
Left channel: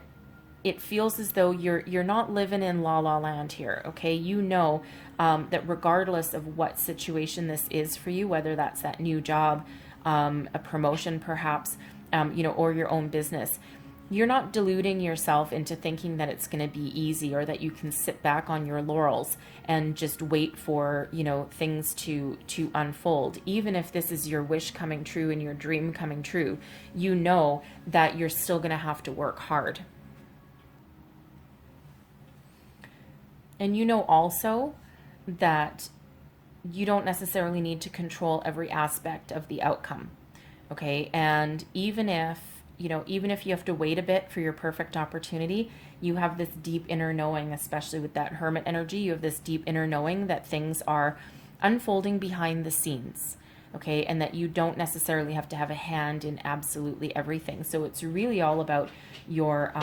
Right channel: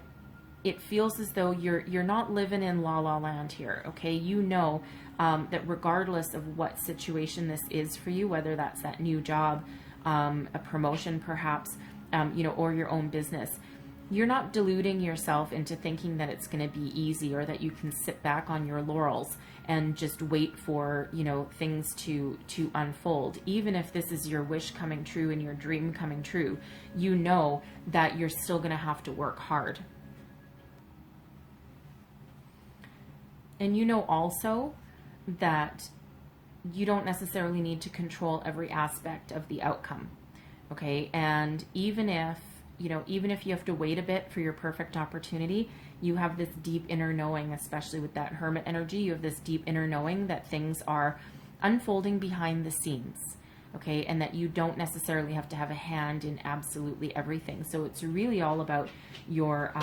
it feels as though you're not living in la la land here, okay? You know that regardless of what situation this is for you, whether that's that new job, a promotion perhaps, you know, or your own business, you're not deluding yourself into thinking that it's going to be easy or that you can sit back on your laurels and just wait for, you know, things to unfold. Even if this is your wish coming true and your dream coming true, you know that you're still going to have to work hard. And you know also that you don't necessarily need to control every aspect of the outcome, okay? And even if, you know, even if you have to wait a bit for your perfect opportunity, you have this deep inner knowing, especially with that hermit energy, you have this deep inner knowing that things are unfolding behind the scenes, okay? And that you don't necessarily have to have a hand in absolutely everything. So it's really all about your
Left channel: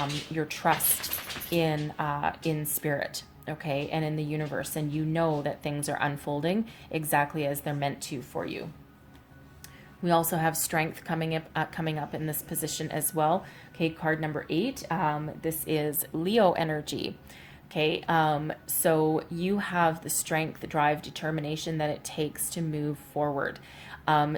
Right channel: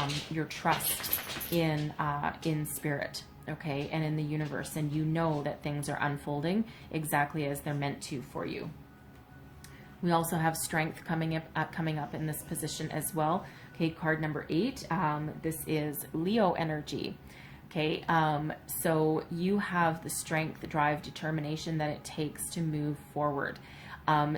trust in spirit, okay? And in the universe. And you know that things are unfolding exactly as they're meant to for you. We also have strength coming up in this position as well. Okay, card number 8. This is Leo energy. Okay, so you have the strength, the drive, determination that it takes to move forward.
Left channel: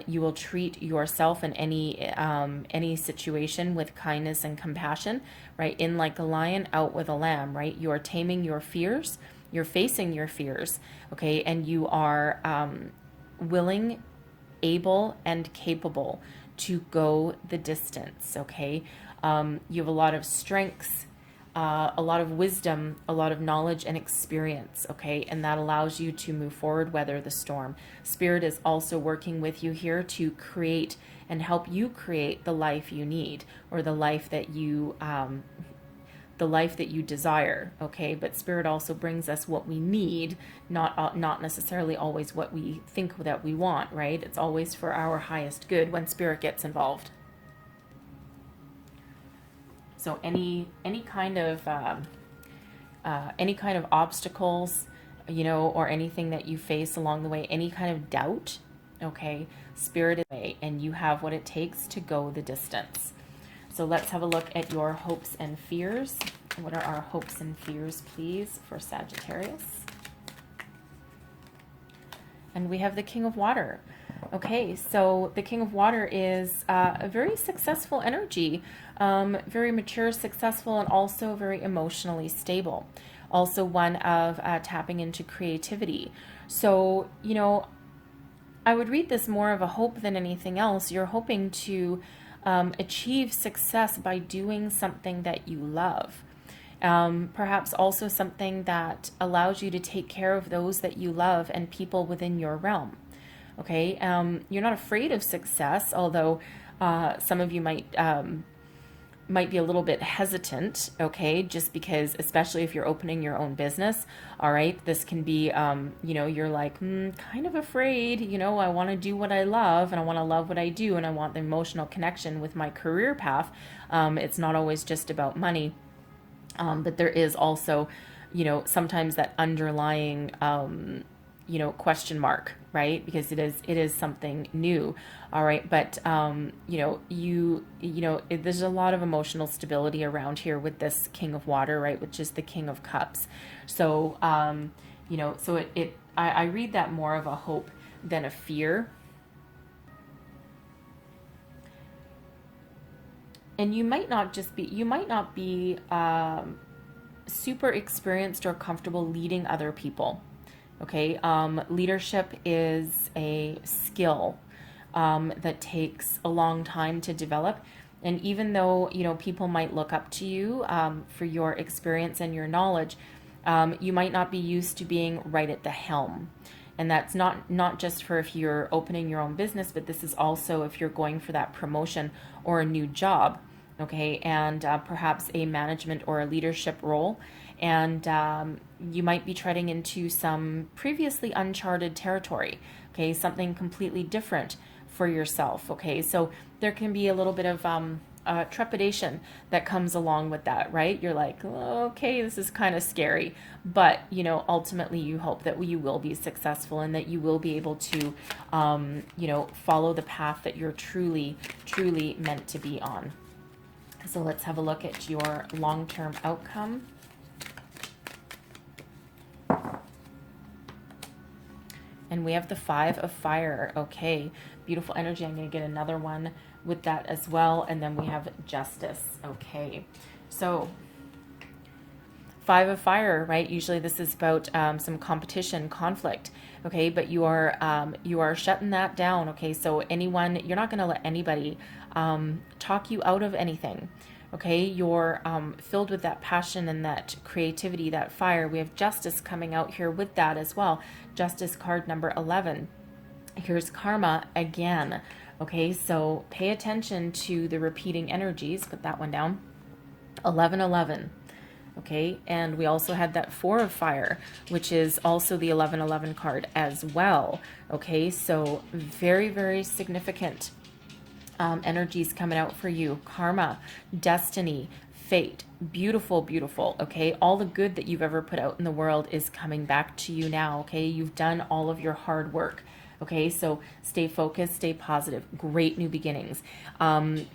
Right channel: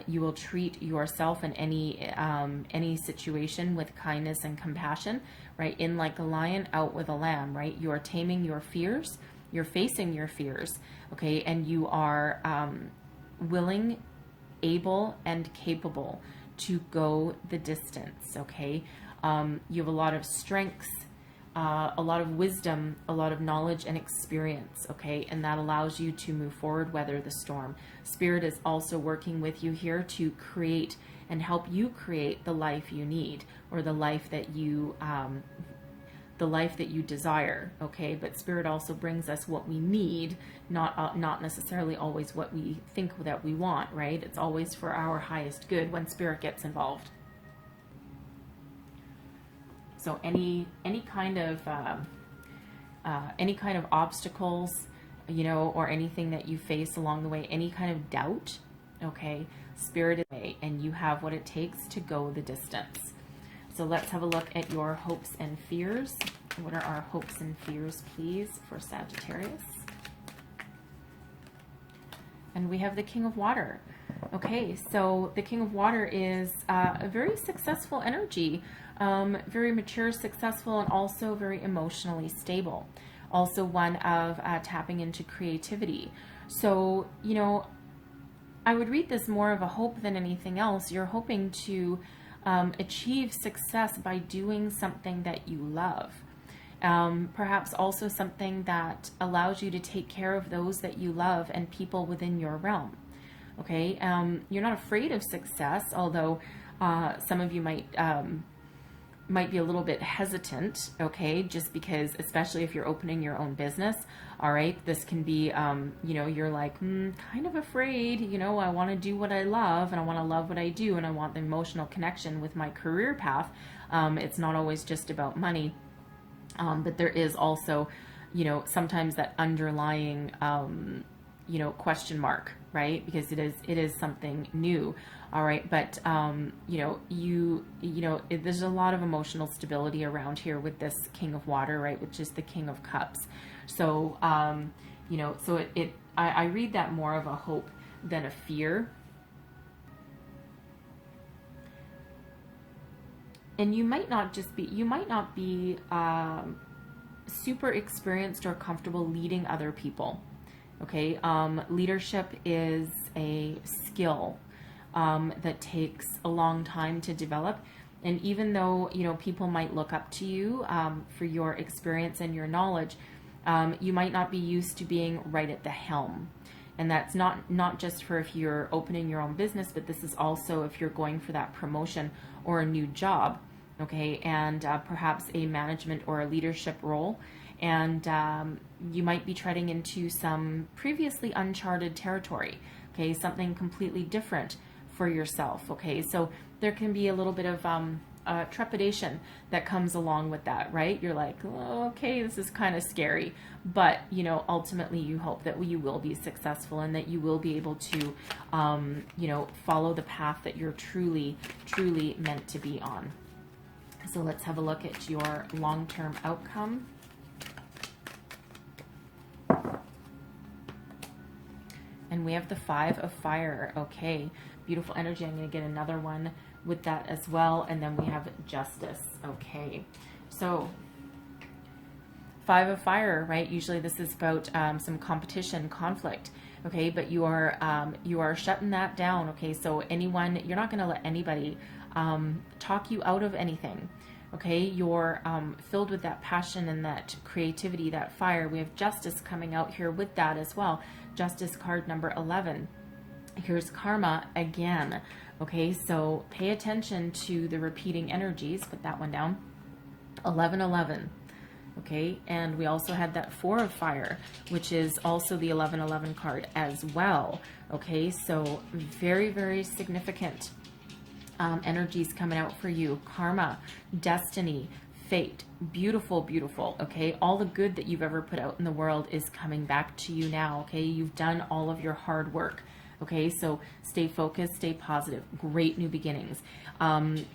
You will treat yourself in any situation with kindness and compassion, right? In like a lion, out with a lamb, right? You are taming your fears. You're facing your fears, okay? And you are willing, able, and capable to go the distance, okay? You have a lot of strengths, a lot of wisdom, a lot of knowledge and experience, okay? And that allows you to move forward, weather the storm. Spirit is also working with you here to create and help you create the life you need, or the life that you desire, okay? But Spirit also brings us what we need, not necessarily always what we think that we want, right? It's always for our highest good when Spirit gets involved. So any kind of obstacles, you know, or anything that you face along the way, any kind of doubt, okay? Spirit is away, and you have what it takes to go the distance. So let's have a look at your hopes and fears. What are our hopes and fears, please, for Sagittarius? And we have the King of Water. Okay, so the King of Water is a very successful energy, very mature, successful, and also very emotionally stable. Also one of tapping into creativity. So, you know, I would read this more of a hope than anything else. You're hoping to achieve success by doing something that you love. Perhaps also something that allows you to take care of those that you love and people within your realm. Okay, you're not afraid of success, although some of you might be a little bit hesitant, okay, just because, especially if you're opening your own business, all right, this can be, you know, you're like, kind of afraid, you know, I want to do what I love, and I want to love what I do, and I want the emotional connection with my career path. It's not always just about money, but there is also, you know, sometimes that underlying, you know, question mark, right? Because it is something new. All right. But, you know, there's a lot of emotional stability around here with this King of Water, right? Which is the King of Cups. So, you know, so I read that more of a hope than a fear. And you might not be super experienced or comfortable leading other people. Okay, leadership is a skill that takes a long time to develop. And even though, people might look up to you for your experience and your knowledge, you might not be used to being right at the helm. And that's not just for if you're opening your own business, but this is also if you're going for that promotion or a new job, okay, and perhaps a management or a leadership role. And you might be treading into some previously uncharted territory, okay, something completely different for yourself, okay? So there can be a little bit of trepidation that comes along with that, right? You're like, oh, okay, this is kind of scary, but ultimately you hope that you will be successful and that you will be able to follow the path that you're truly meant to be on. So let's have a look at your long-term outcome. And we have the 5 of Fire. Okay, beautiful energy. I'm going to get another one with that as well. And then we have Justice. Okay, so 5 of Fire, right? Usually this is about some competition, conflict. Okay, but you are shutting that down. Okay, so you're not going to let anybody talk you out of anything. Okay, you're filled with that passion and that creativity, that fire. We have Justice coming out here with that as well. Justice card number 11. Here's Karma again. Okay, so pay attention to the repeating energies. Put that one down. 1111. Okay, and we also had that 4 of Fire, which is also the 1111 card as well. Okay, so very, very significant energies coming out for you. Karma, destiny, fate, beautiful, beautiful. Okay, all the good that you've ever put out in the world is coming back to you now. Okay, you've done all of your hard work. Okay, so stay focused, stay positive. Great new beginnings.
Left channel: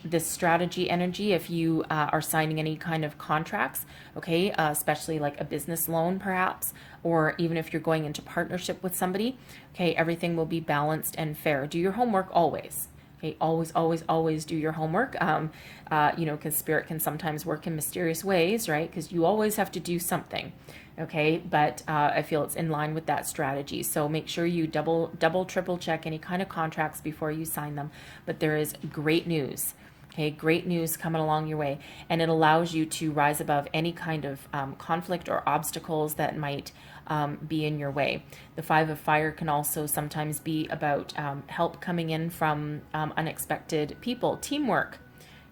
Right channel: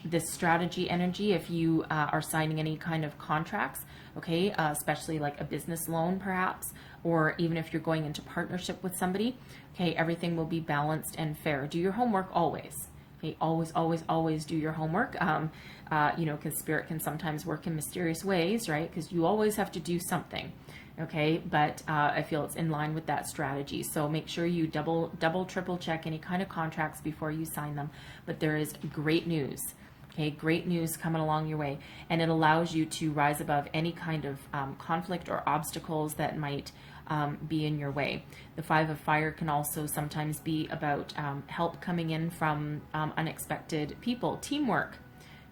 This strategy energy, if you are signing any kind of contracts, okay, especially like a business loan perhaps, or even if you're going into partnership with somebody, okay, everything will be balanced and fair. Do your homework always. Okay, always do your homework, because spirit can sometimes work in mysterious ways, right? Because you always have to do something, okay? But I feel it's in line with that strategy. So make sure you double, triple check any kind of contracts before you sign them. But there is great news, okay? Great news coming along your way. And it allows you to rise above any kind of conflict or obstacles that might be in your way. The 5 of Fire can also sometimes be about help coming in from unexpected people. Teamwork.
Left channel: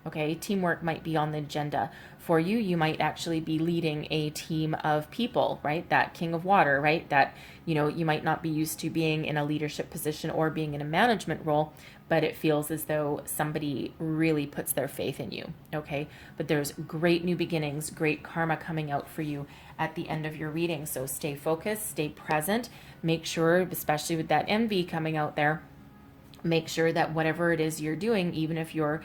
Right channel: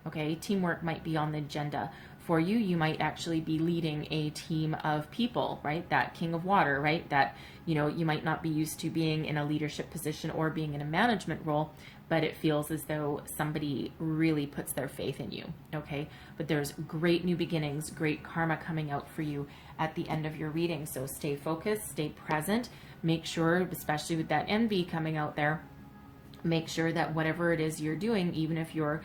Okay, teamwork might be on the agenda for you. You might actually be leading a team of people, right? That King of Water, right? That, you might not be used to being in a leadership position or being in a management role, but it feels as though somebody really puts their faith in you, okay? But there's great new beginnings, great karma coming out for you at the end of your reading. So stay focused, stay present. Make sure, especially with that envy coming out there, make sure that whatever it is you're doing, even if you're,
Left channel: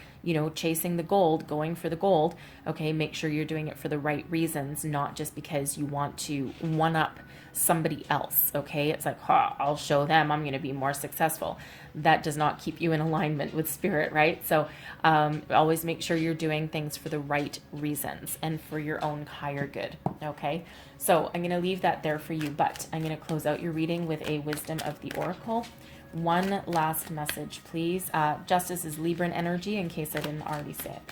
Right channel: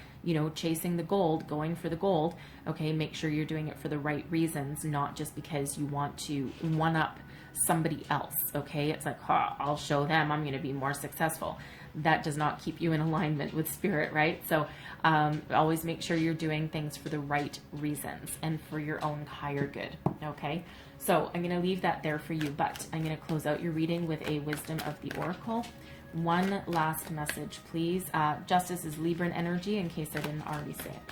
chasing the gold, going for the gold, okay, make sure you're doing it for the right reasons, not just because you want to one-up somebody else, okay? It's like, I'll show them I'm going to be more successful. That does not keep you in alignment with spirit, right? So always make sure you're doing things for the right reasons and for your own higher good, okay? So I'm going to leave that there for you, but I'm going to close out your reading with a wisdom of the oracle. One last message, please. Justice is Libran energy, in case I didn't already say it.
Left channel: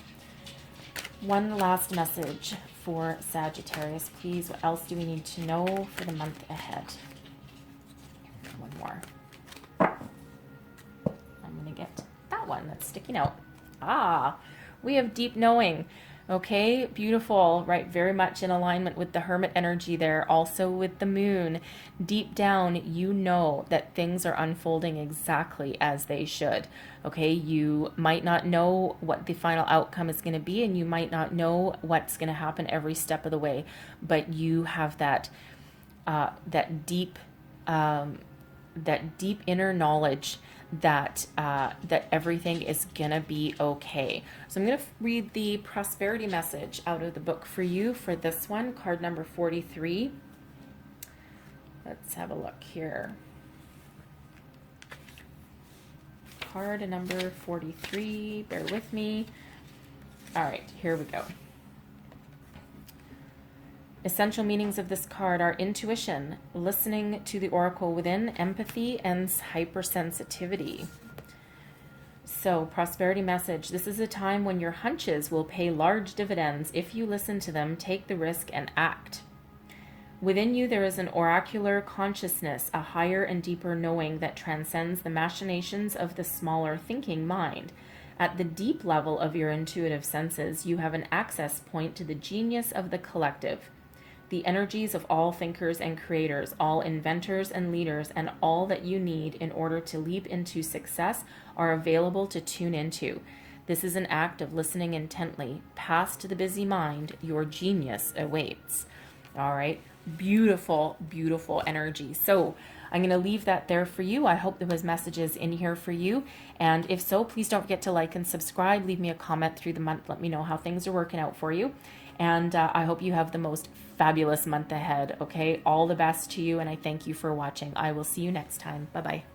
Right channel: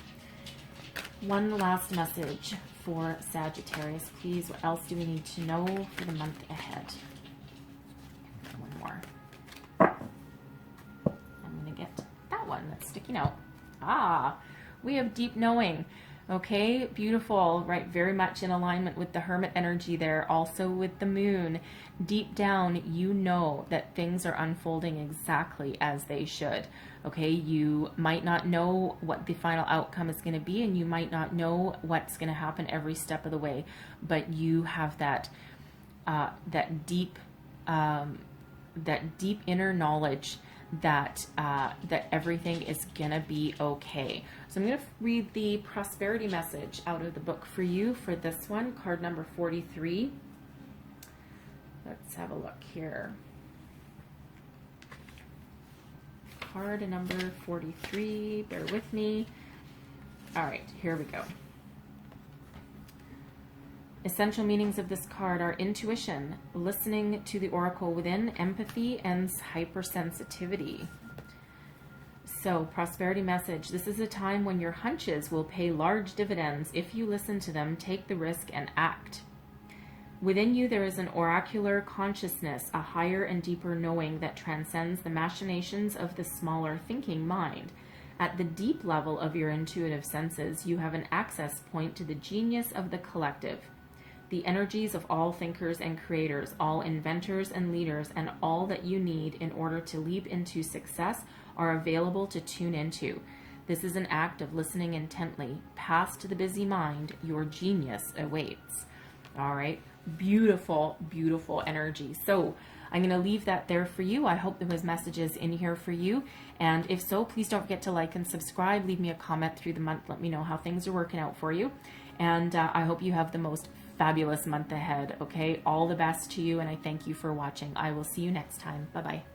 One last message for Sagittarius, please. What else do we need to know for the month ahead? One more. I'm going to get that one that's sticking out. We have deep knowing. Okay, beautiful, right? Very much in alignment with the Hermit energy there, also with the moon. Deep down, you know that things are unfolding exactly as they should. Okay, you might not know what the final outcome is going to be, and you might not know what's going to happen every step of the way, but you have that deep inner knowledge that everything is gonna be okay. So I'm gonna read the prosperity message out of the book for you for this one, card number 43. Let's have a look here. Card number 43, bear with me. All right, here we go. Essential meanings of this card are intuition, listening to the oracle within, empathy, and hypersensitivity. So, prosperity message. This is a time when your hunches will pay large dividends if you listen to them, take the risk, and act. Within you, there is an oracular consciousness, a higher and deeper knowing that transcends the machinations of the smaller thinking mind. At the deep level of your intuitive senses, you have an access point to the genius of the collective, the energies of all thinkers and creators, all inventors and leaders, and all that you need in order to leap into success are available to tune into. This is an act of listening intently. Past the busy mind, your genius awaits. All right. Beautiful, beautiful energy. So I'm going to leave that there for you. I hope there was messages in here for you. And if so, please don't forget to like and subscribe. Leave me a comment through the month. Let me know how things are working out for you. And I hope you have the most fabulous month ahead. Okay. All the best to you. And I thank you for watching. I will see you next time. Bye-bye.